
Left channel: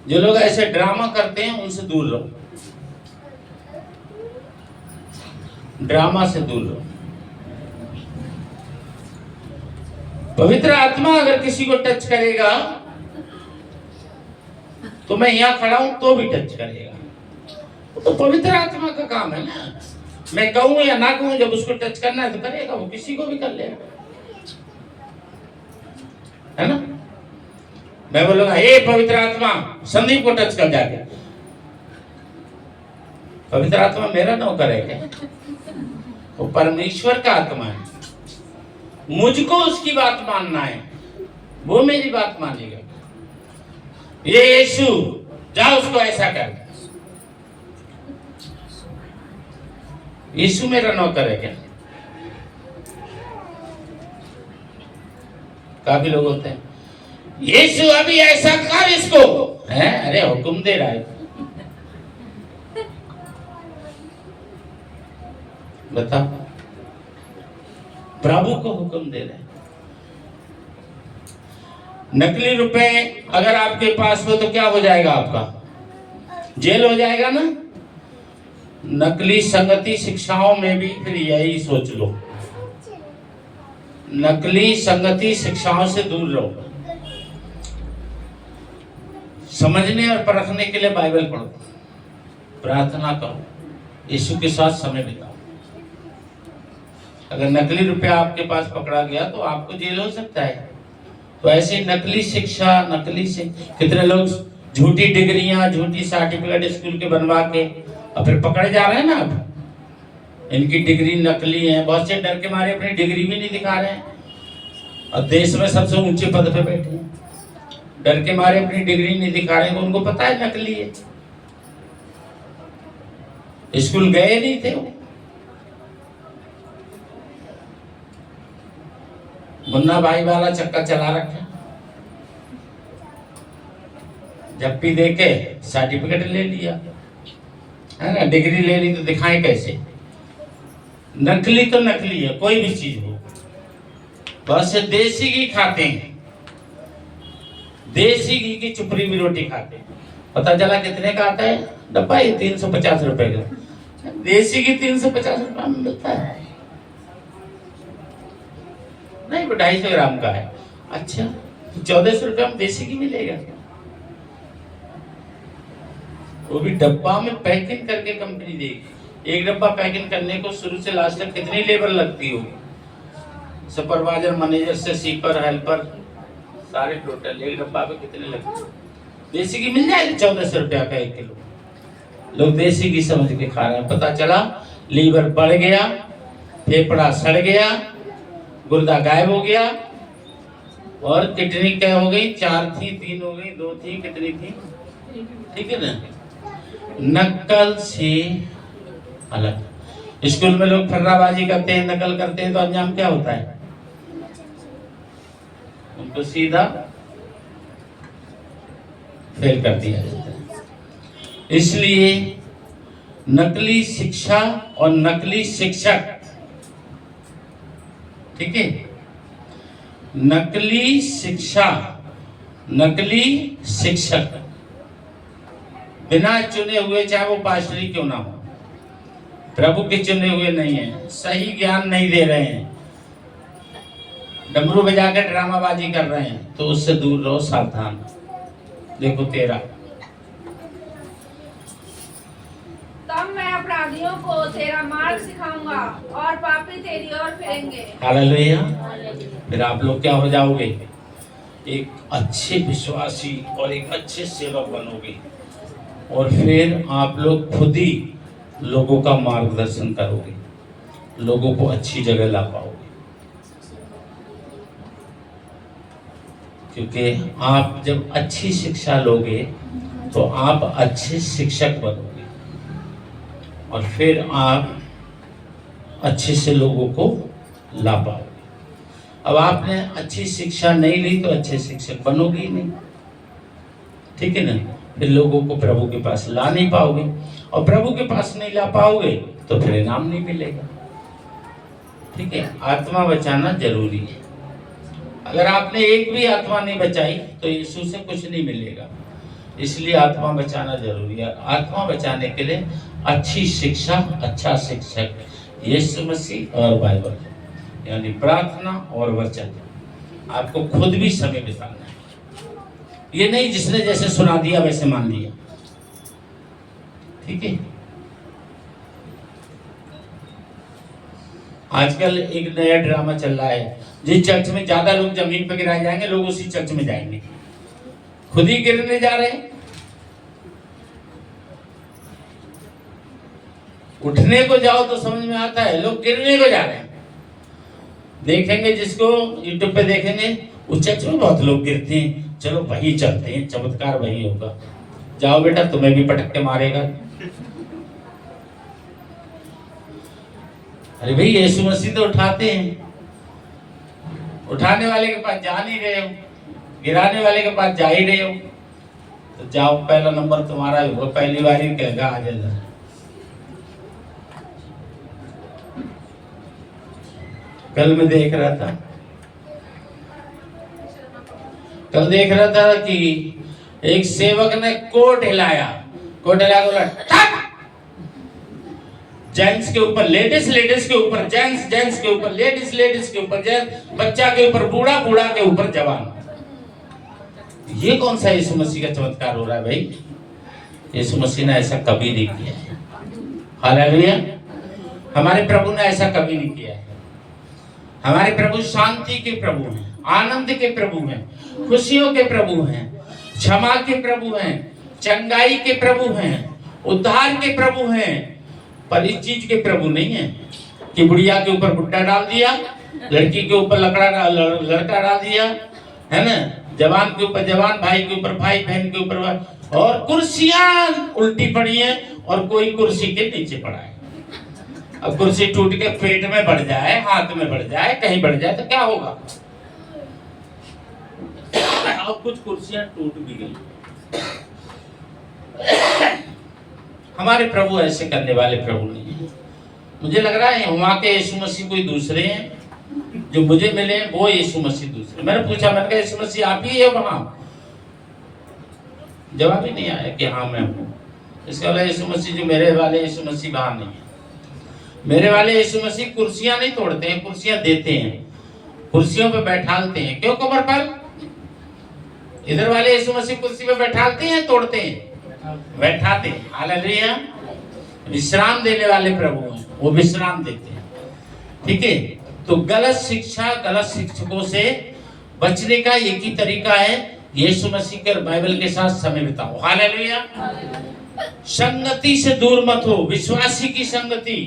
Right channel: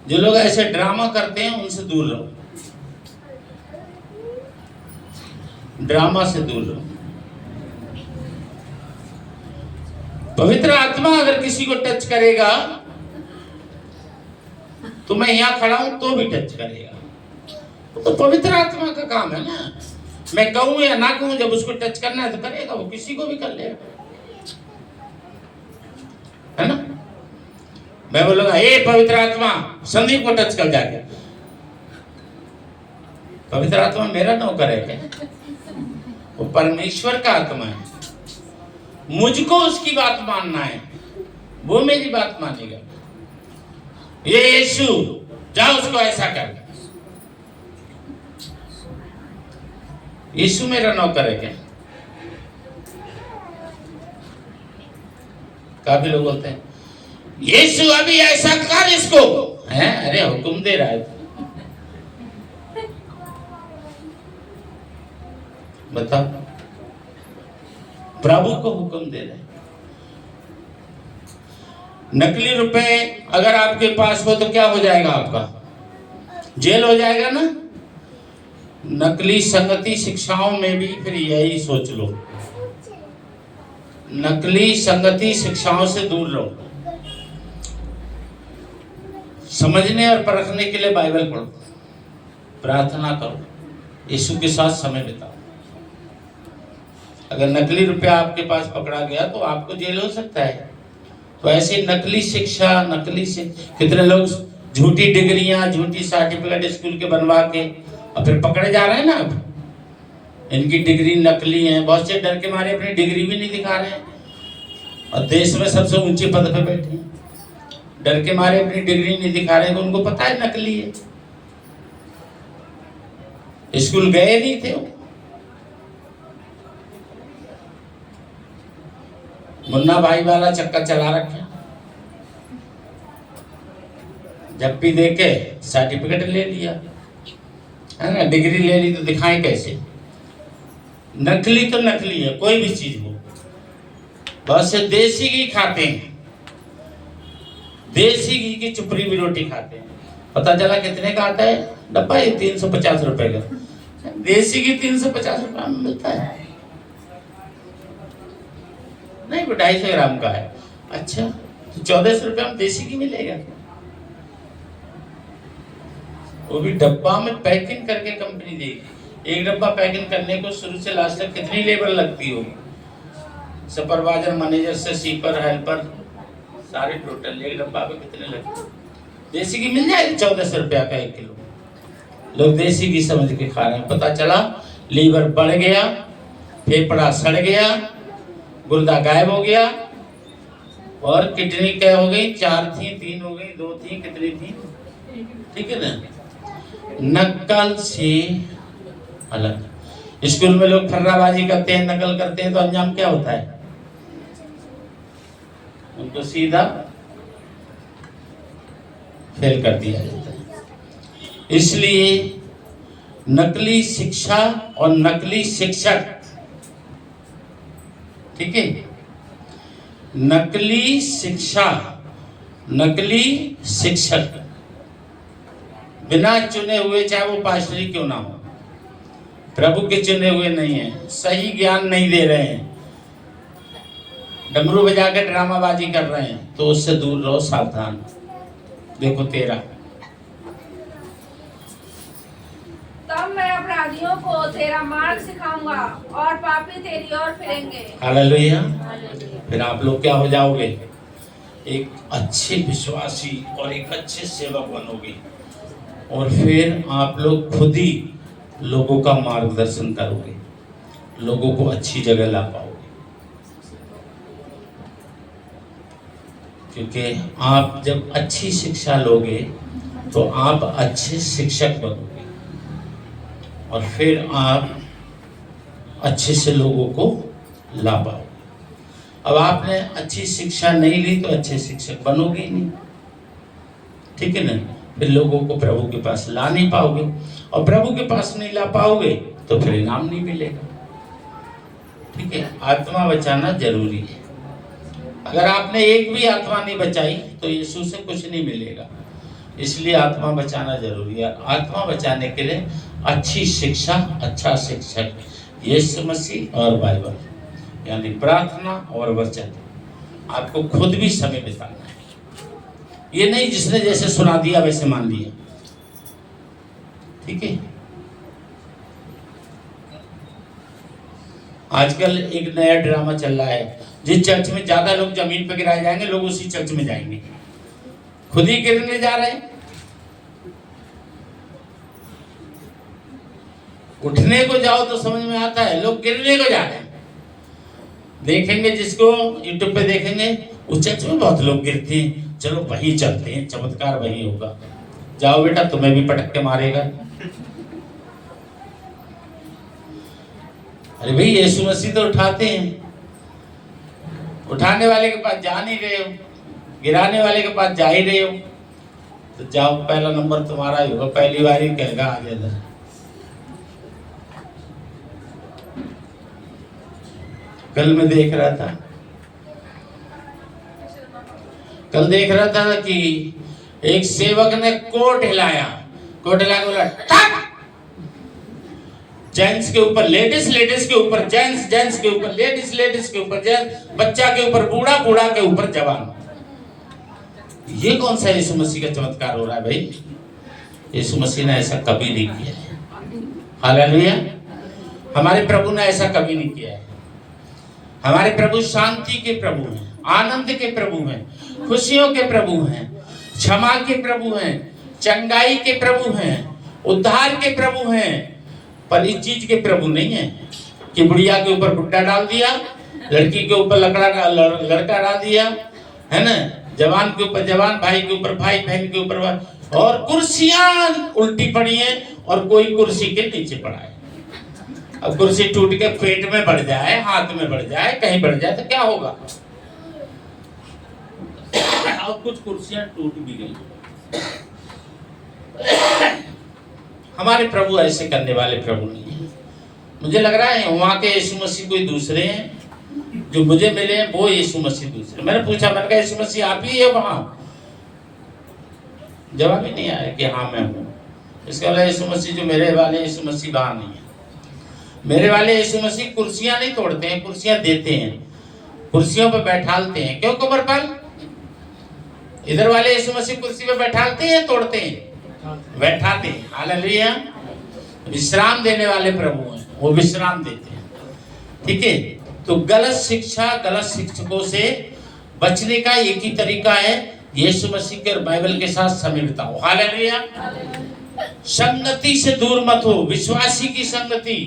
जो लोग ऐसे ड्रामा करते हैं उनसे दूर रहो, ड्रामा से दूर रहो। पवित्र आत्मा अगर किसी को टच करेगा तो मैं यहां खड़ा हूं तो भी टच करेगा, तो पवित्र आत्मा का काम है ना। मैं कहूं या ना कहूं, जब उसको टच करना है तो करेगा, वो किसी को भी कर लेगा, है ना। मैं बोलूंगा हे पवित्र आत्मा संदीप को टच कर जाके, पवित्र आत्मा मेरा नौकर है क्या? वो परमेश्वर का आत्मा है, मुझको उसकी बात मानना है, वो मेरी बात मानेगा। ये यीशु जाओ उसको ऐसा कर, यीशु मेरा नौकर है क्या? काफी लोग होते हैं यीशु अभी ऐसा कर इसको, है अरे हुक्म दे रहा है, बता, प्रभु को हुक्म दे रहे। नकली रुपए अगर आपके पास हो तो क्या हो जाएगा? आपका जेल हो जाएगा ना। नकली संगति शिक्षाओं में भी फिर यही सोच लो, नकली संगति शिक्षाओं से दूर लो। समझने और परखने के लिए बाइबल पढ़ो, प्रार्थना करो, यीशु के साथ समय बिताओ। अगर नकली रुपया आपके पास पकड़ा गया तो आपको जेल हो सकता है। तो ऐसी नकली शिक्षा, कितने लोग झूठी डिग्रियां, झूठी सर्टिफिकेट स्कूल के बनवा के और फिर पकड़े जा रहे हैं ना। अब इनकी डिग्री नकली है, बहुत से डर के मारे अपनी डिग्री भी नहीं दिखा रहे हैं और देश में सबसे ऊंचे पद पे बैठे हैं, डर के मारे अपनी डिग्री नहीं दिखा रहे हैं, तो उनको पता है नकली है, स्कूल गए नहीं थे वो। मुन्ना भाई वाला चक्कर चला रखे, जब भी देखे सर्टिफिकेट ले लिया, है ना, डिग्री ले ली, तो दिखाएं कैसे? नकली तो नकली है, कोई भी चीज हो। बस देसी घी खाते हैं, देसी घी की चुपड़ी भी रोटी खाते हैं। पता चला कितने का आता है डब्बा? 350 रुपए का। देसी घी 350 रुपए में मिलता है? नहीं, वो 250 ग्राम का है। अच्छा, तो 1400 रुपये में देसी घी मिलेगा, वो भी डब्बा में पैकिंग करके कंपनी देगी। एक डब्बा पैकिंग करने को शुरू से लास्ट तक कितनी लेबर लगती होगी? सुपरवाइजर, मैनेजर से सीपर, हेल्पर, सारे टोटल एक डब्बा पे कितने लगते? देसी घी मिल जाएगी 1400 रुपया का 1 किलो। लोग देसी घी समझ के खा रहे हैं। पता चला लीवर बढ़ गया, फेफड़ा सड़ गया, गुर्दा गायब हो गया, और किडनी क्या हो गई? 4 थी, 3 हो गई, 2 थी, कितनी थी? ठीक है ना? नकल से अलग। स्कूल में लोग फर्राबाजी करते हैं, नकल करते हैं, तो अंजाम क्या होता है? उनको सीधा फेल कर दिया जाता है। इसलिए नकली शिक्षा और नकली शिक्षक, ठीक है, नकली शिक्षा, नकली शिक्षक बिना चुने हुए, चाहे वो पास्टरी क्यों ना हो, प्रभु के चुने हुए नहीं है, सही ज्ञान नहीं दे रहे हैं, डमरू बजा के ड्रामाबाजी कर रहे हैं, तो उससे दूर रहो, सावधान। देखो 13, तब मैं अपराधियों को तेरा मार्ग सिखाऊंगा और पापी तेरी ओर फिरेंगे। हालेलुया। फिर आप लोग क्या हो जाओगे? एक अच्छे विश्वासी और एक अच्छे सेवक बनोगे, और फिर आप लोग खुद ही लोगों का मार्गदर्शन करोगे, लोगों को अच्छी जगह ला पाओगे, क्योंकि आप जब अच्छी शिक्षा लोगे तो आप अच्छे शिक्षक बनोगे, और फिर आप अच्छे से लोगों को ला पाओगे। अब आपने अच्छी शिक्षा नहीं ली तो अच्छे शिक्षक बनोगे ही नहीं, ठीक है ना? फिर लोगों को प्रभु के पास ला नहीं पाओगे, और प्रभु के पास नहीं ला पाओगे तो फिर इनाम नहीं मिलेगा, ठीक है? आत्मा बचाना जरूरी है। अगर आपने एक भी आत्मा नहीं बचाई तो यीशु से कुछ नहीं मिलेगा, इसलिए आत्मा बचाना जरूरी है। आत्मा बचाने के लिए अच्छी शिक्षा, अच्छा शिक्षक यीशु मसीह और बाइबल, यानी प्रार्थना और वचन। आपको खुद भी समय बिताना है, ये नहीं जिसने जैसे सुना दिया वैसे मान लिया, ठीक है? आजकल एक नया ड्रामा चल रहा है, जिस चर्च में ज्यादा लोग जमीन पर गिराए जाएंगे, लोग उसी चर्च में जाएंगे, खुद ही गिरने जा रहे हैं। उठने को जाओ तो समझ में आता है, लोग गिरने को जा रहे हैं। देखेंगे जिसको यूट्यूब पे देखेंगे, उस चर्च में बहुत लोग गिरते हैं, चलो वही चलते हैं, चमत्कार वही होगा। जाओ बेटा, तुम्हें भी पटक के मारेगा। अरे भाई, यीशु मसीह तो उठाते हैं, उठाने वाले के पास जा नहीं रहे हो, गिराने वाले के पास जा ही रहे हो, तो जाओ, पहला नंबर तुम्हारा ही होगा, पहली बार ही कहेगा आ जा। कल मैं देख रहा था कि एक सेवक ने कोट हिलाया, बोला ठक! जेंट्स के ऊपर लेडीज, लेडीज के ऊपर जेंट्स, जेंट्स के ऊपर लेडीज, लेडीज के ऊपर जेंट्स, बच्चा के ऊपर बूढ़ा, बूढ़ा के ऊपर जवान। ये कौन सा यीशु मसीह का चमत्कार हो रहा है भाई? यीशु मसीह ने ऐसा कभी नहीं किया है। हालेलुया। हमारे प्रभु ने ऐसा कभी नहीं किया है। हमारे प्रभु शांति के प्रभु हैं, आनंद के प्रभु हैं, खुशियों के प्रभु हैं, क्षमा के प्रभु हैं, चंगाई के प्रभु हैं, उद्धार के प्रभु हैं, पर इस चीज के प्रभु नहीं है कि बुढ़िया के ऊपर बुड्ढा डाल दिया, लड़की के ऊपर लड़का डाल दिया, है ना, जवान के ऊपर जवान, भाई के ऊपर भाई, बहन के ऊपर भाई, और कुर्सियां उल्टी पड़ी है और कोई कुर्सी के नीचे पड़ा है। अब कुर्सी टूट के पेट में बढ़ जाए, हाथ में बढ़ जाए, कहीं बढ़ जाए तो क्या होगा? अब कुछ कुर्सियां टूट भी गई। हमारे प्रभु ऐसे करने वाले प्रभु नहीं है। मुझे लग रहा है वहां के यीशु मसीह कोई दूसरे हैं, जो मुझे मिले हैं वो यीशु मसीह दूसरे। मैंने पूछा, मैंने कहा यीशु मसीह आप ही है वहां? जवाब ही नहीं आया कि हाँ मैं हूँ। इसका मतलब यीशु मसीह जो मेरे वाले यीशु मसीह वहां नहीं है। मेरे वाले यीशु मसीह कुर्सियां नहीं तोड़ते हैं, कुर्सियां देते हैं, कुर्सियों पर बैठालते हैं। क्यों कमर पर? इधर वाले यीशु मसीह कुर्सी पे बैठालते हैं, तोड़ते हैं? बैठाते हैं। हालेलुया। विश्राम देने वाले प्रभु हैं, वो विश्राम देते हैं, ठीक है? तो गलत शिक्षा, गलत शिक्षकों से बचने का एक ही तरीका है, यीशु मसीह के और बाइबल के साथ समय बिताओ। हालेलुया। संगति से दूर मत हो, विश्वासी की संगति,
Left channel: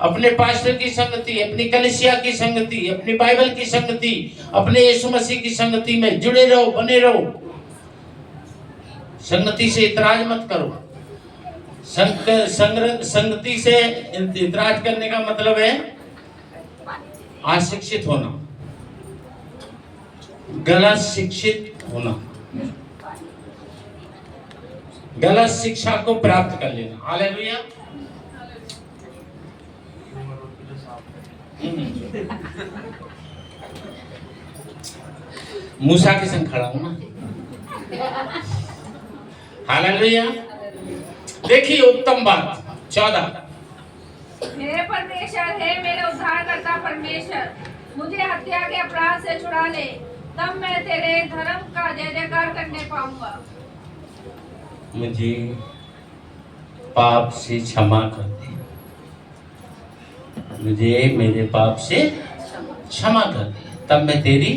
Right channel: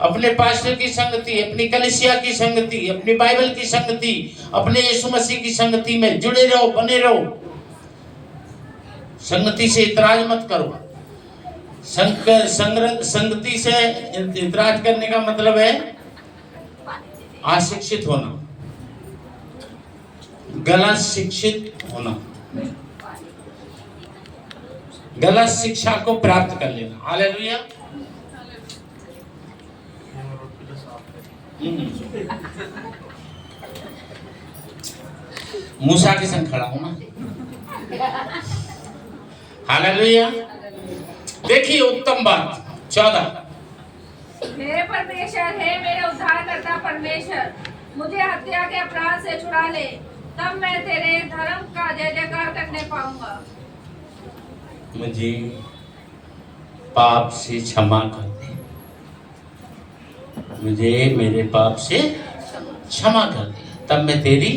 अपने पास्टर की संगति, अपनी कलीसिया की संगति, अपनी बाइबल की संगति, अपने यीशु मसीह की संगति में जुड़े रहो, बने रहो। संगति से इतराज मत करो। संगति से इतराज करने का मतलब है अशिक्षित होना, गलत शिक्षित होना, गलत शिक्षा को प्राप्त कर लेना। हालेलुया। मूसा के संग खड़ा हूं ना। हालेलुया। देखिए उत्तम बात 14। मेरे परमेश्वर है, मेरे उद्धारकर्ता परमेश्वर, मुझे हत्या के अपराध से छुड़ा ले, तब मैं तेरे धर्म का जय जयकार करने पाऊंगा। मुझे पाप से क्षमा कर दे, मुझे मेरे पाप से क्षमा कर दे, तब मैं तेरी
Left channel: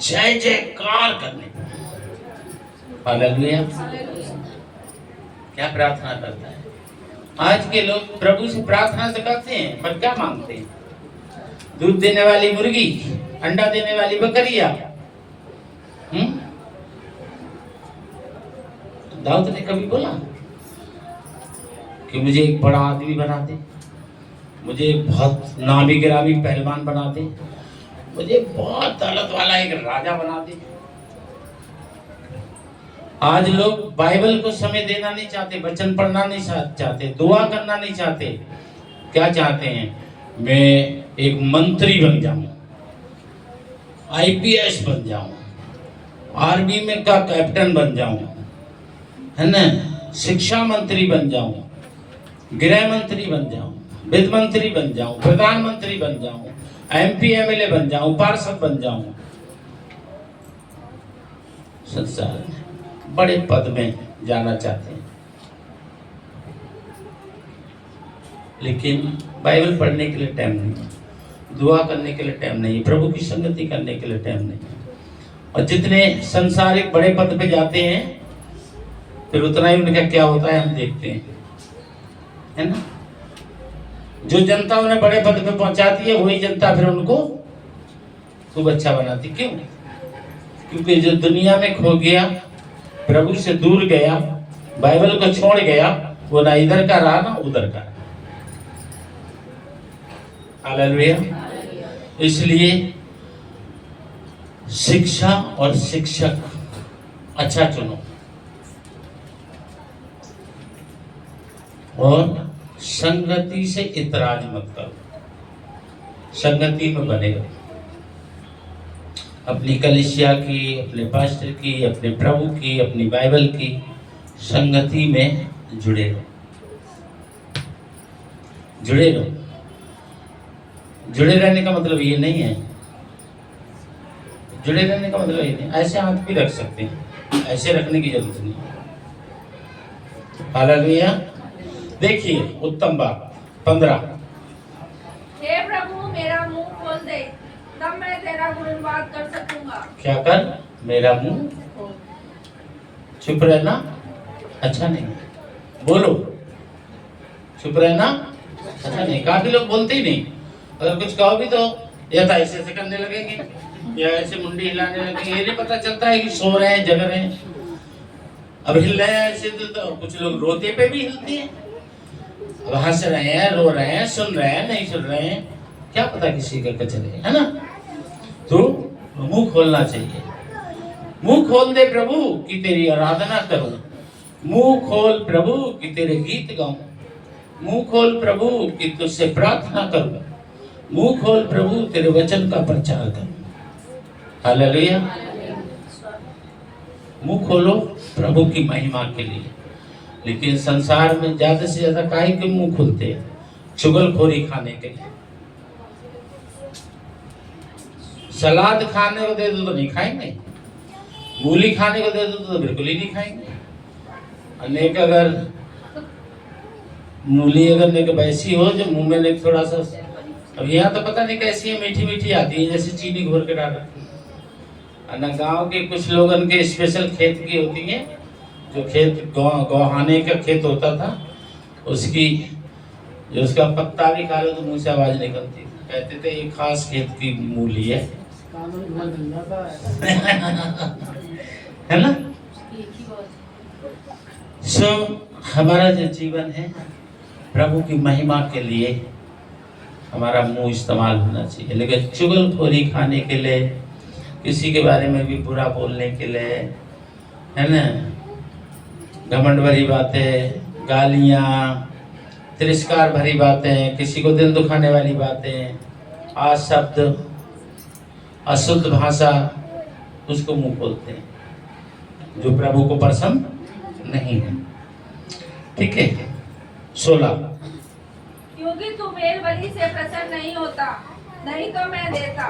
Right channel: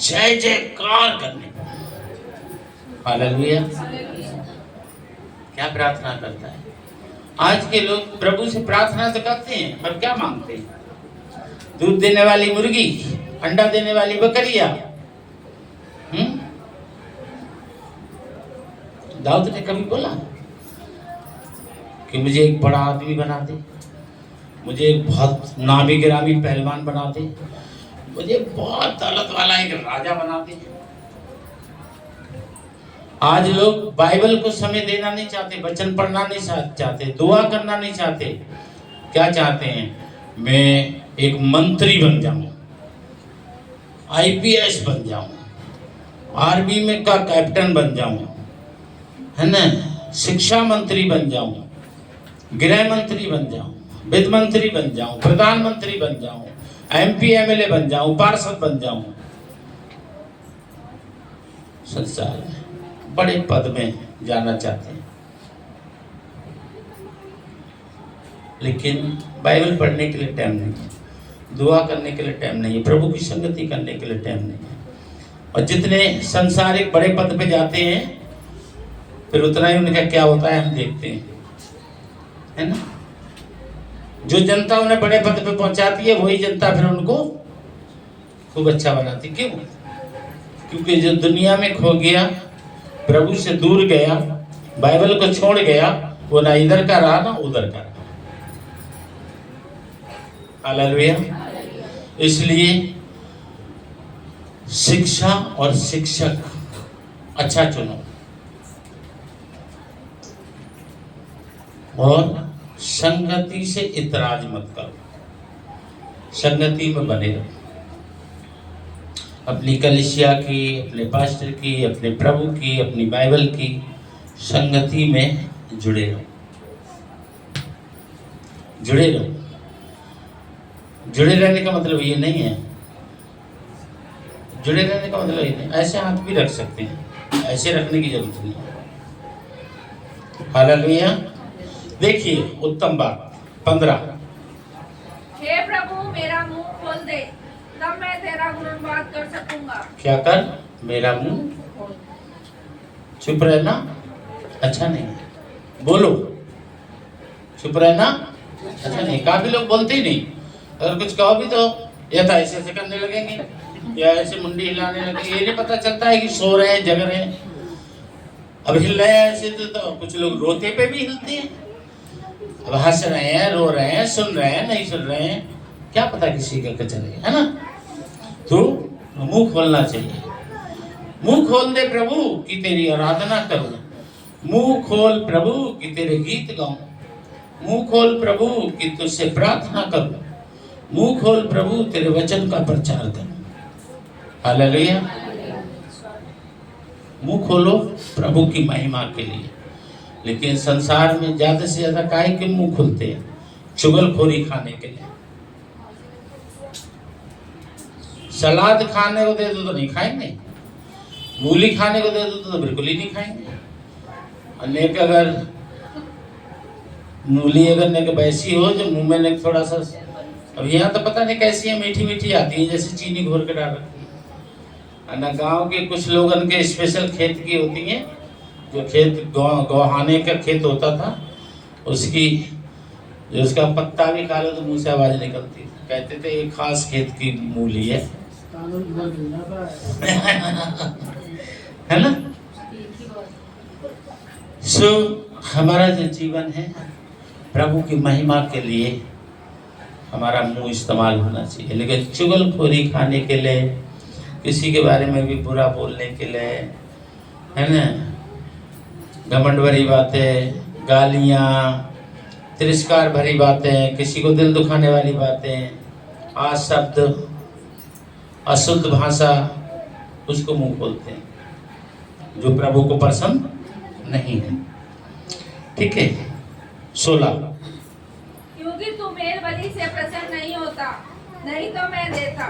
जय जयकार करने पाऊंगा। हालेलुया। क्या प्रार्थना करता है? आज के लोग प्रभु से प्रार्थना तो करते हैं, पर क्या मांगते हैं? दूध देने वाली मुर्गी, अंडा देने वाली बकरिया। दाऊद ने कभी बोला कि मुझे एक बड़ा आदमी बना दे, मुझे एक बहुत नामी गिरामी पहलवान बना दे, मुझे बहुत दौलत वाला एक राजा बना दे। आज लोग बाइबल को समय देना नहीं चाहते, वचन पढ़ना नहीं चाहते, दुआ करना नहीं चाहते। क्या चाहते हैं? मैं एक मंत्री बन जाऊं, आईपीएस बन जाऊं, आर्मी में का कैप्टन बन जाऊं, है ना, शिक्षा मंत्री बन जाऊं, गृह मंत्री बन जाऊं, वित्त मंत्री बन जाऊं, प्रधानमंत्री बन जाऊं, एमपी एमएलए बन जाऊं, पार्षद बन जाऊं। संसार में बड़े पद में जाना चाहते हैं, लेकिन बाइबल पढ़ने के लिए टाइम नहीं, दुआ करने के लिए टाइम नहीं, प्रभु की संगति करने के लिए टाइम नहीं। और जितने संसारिक बड़े पद पे जाते हैं, फिर उतना ही उनका क्या होता है हम देखते हैं, है ना। जो जनता उन्हें बड़े पद पे पहुंचाती है, वही जनता फिर उनको खूब अच्छा बनाती। क्यों? क्योंकि जो दुनिया में खो गया, प्रभु से दूर गया, बाइबल को छोड़ गया, वो ना इधर का रहा ना उधर का रहा। हालेलुया। इसलिए शिक्षा और शिक्षक अच्छा चुनो और संगति से इतराज मत करो, संगति में बने रहो। अपनी कलीसिया की, अपने पास्टर की, अपने प्रभु की, अपनी बाइबल की संगति में जुड़े रहो, जुड़े रहो। जुड़े रहने का मतलब ये नहीं है, जुड़े रहने का मतलब ये नहीं, ऐसे हाथ भी रख सकते हैं, ऐसे रखने की जरूरत नहीं। हालेलुया। देखिए उत्तम बात 15। हे प्रभु, मेरा मुंह खोल दे, तब मैं तेरा गुणगान कर सकूंगा। क्या कर? मेरा मुंह। चुप रहना अच्छा नहीं, बोलो। चुप रहना अच्छा नहीं। काफी लोग बोलते ही नहीं, अगर कुछ कहो भी तो या तो ऐसे ऐसे करने लगेंगे या ऐसे मुंडी हिलाने लगेंगे। ये नहीं पता चलता है कि सो रहे हैं, जग रहे हैं। अब हिल रहे हैं ऐसे तो कुछ लोग रोते पे भी हिलते हैं, अब हंस रहे हैं, रो रहे हैं, सुन रहे हैं, नहीं सुन रहे हैं, क्या पता किसी का कचरे, है ना। तो मुंह खोलना चाहिए। मुंह खोल दे प्रभु कि तेरी आराधना करूं, मुंह खोल प्रभु कि तेरे गीत गाऊं, मुंह खोल प्रभु कि तुझसे प्रार्थना करूं, मुंह खोल प्रभु तेरे वचन का प्रचार करूं। हालेलुया। मुंह खोलो प्रभु की महिमा के लिए। लेकिन संसार में ज्यादा से ज्यादा काहे के मुंह खुलते हैं? चुगलखोरी खाने के लिए। सलाद खाने को दे दो तो नहीं खाएंगे, मूली खाने को दे दो तो बिल्कुल ही नहीं खाएंगे। अनेक अगर मूली अगर नेक वैसी हो जो मुंह में नेक थोड़ा सा, अब यहाँ तो पता नहीं कैसी है, मीठी मीठी आती है जैसे चीनी घोर के डाल रखी है ना। गाँव के कुछ लोगन के स्पेशल खेत की होती है, जो खेत गौहाने का खेत होता था, उसकी जो उसका पत्ता भी खा लो तो मुंह से आवाज निकलती। कहते थे एक खास खेत की मूली है है ना। सो हमारा जो जीवन है प्रभु की महिमा के लिए हमारा मुंह इस्तेमाल होना चाहिए, लेकिन चुगलखोरी खाने के लिए, किसी के बारे में भी बुरा बोलने के लिए, है ना, घमंड भरी बातें, गालियाँ, तिरस्कार भरी बातें, किसी को दिल दुखाने वाली बातें, शब्द, अशुद्ध भाषा, उसको मुंह बोलते हैं, जो प्रभु को पसंद नहीं है। ठीक है। 16 क्योंकि तू मेल बलि से प्रसन्न नहीं होता, नहीं तो मैं देता।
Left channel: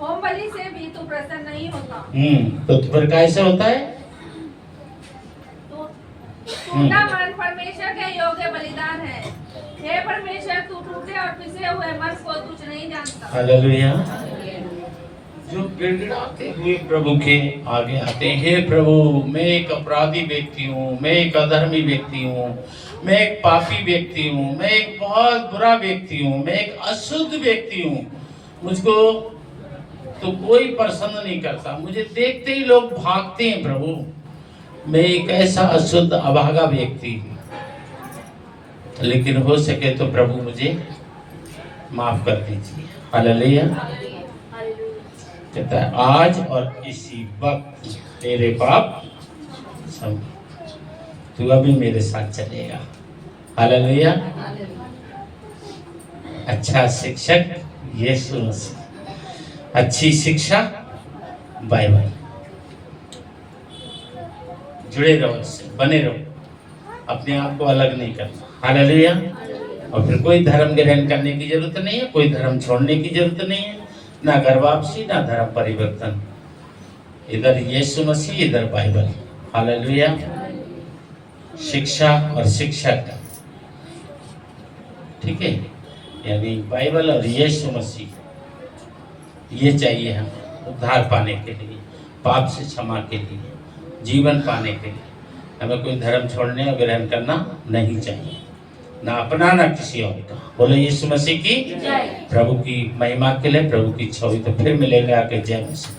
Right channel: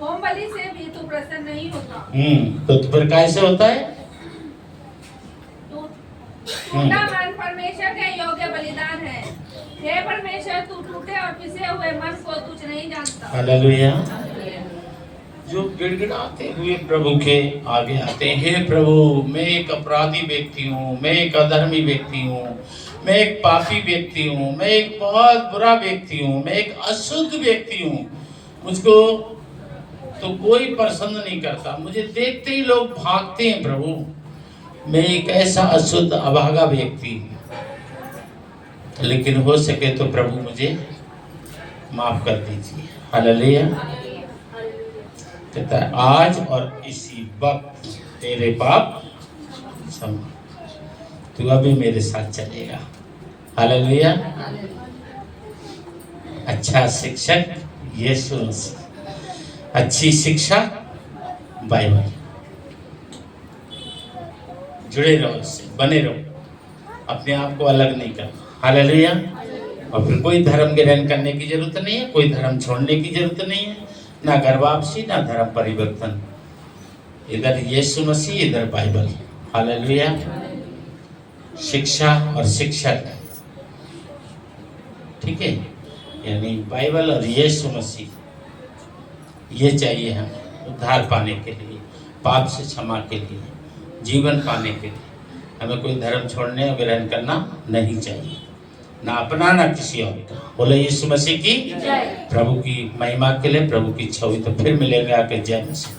होम बलि से भी तू प्रसन्न नहीं होता। तो फिर कैसे होता है? टूटा मन परमेश्वर के योग्य बलिदान है। हे परमेश्वर, तू टूटे और पिसे हुए मन को तुझ नहीं जानता। हालेलुया। जो गिड़गिड़ाते हुए प्रभु के आगे आते हैं, हे प्रभु मैं एक अपराधी व्यक्ति हूँ, मैं एक अधर्मी व्यक्ति हूँ, मैं एक पापी व्यक्ति हूँ, मैं एक बहुत बुरा व्यक्ति हूँ, मैं एक अशुद्ध व्यक्ति हूँ, मुझको तो कोई पसंद नहीं करता, मुझे देखते ही लोग भागते हैं प्रभु, मैं एक ऐसा अशुद्ध अभागा व्यक्ति हूँ, लेकिन हो सके तो प्रभु मुझे माफ कर दीजिए। हालेलुया। कहता है आज और इसी वक्त तेरे पाप क्षमा, तू अभी मेरे साथ चलेगा। हालेलुया। अच्छा शिक्षक यीशु मसीह, अच्छी शिक्षा बाइबल, जुड़े रहो इससे, बने रहो, अपने आप को अलग नहीं करना। हालेलुया। और फिर कोई धर्म ग्रहण करने की जरूरत नहीं है, कोई धर्म छोड़ने की जरूरत नहीं है, ना घर वापसी ना धर्म परिवर्तन, इधर यीशु मसीह इधर बाइबल। हालेलुया। शिक्षा और शिक्षक, ठीक है, यानी बाइबल और यीशु मसीह, ये चाहिए हमें उद्धार पाने के लिए, पाप से क्षमा के लिए, जीवन पाने के लिए। हमें कोई धर्म छोड़ने और ग्रहण करना नहीं चाहिए, ना अपना ना किसी और का। बोले यीशु मसीह की, प्रभु की महिमा के लिए, प्रभु की इच्छा हुई तो फिर मिलेंगे आके। जय मसीह।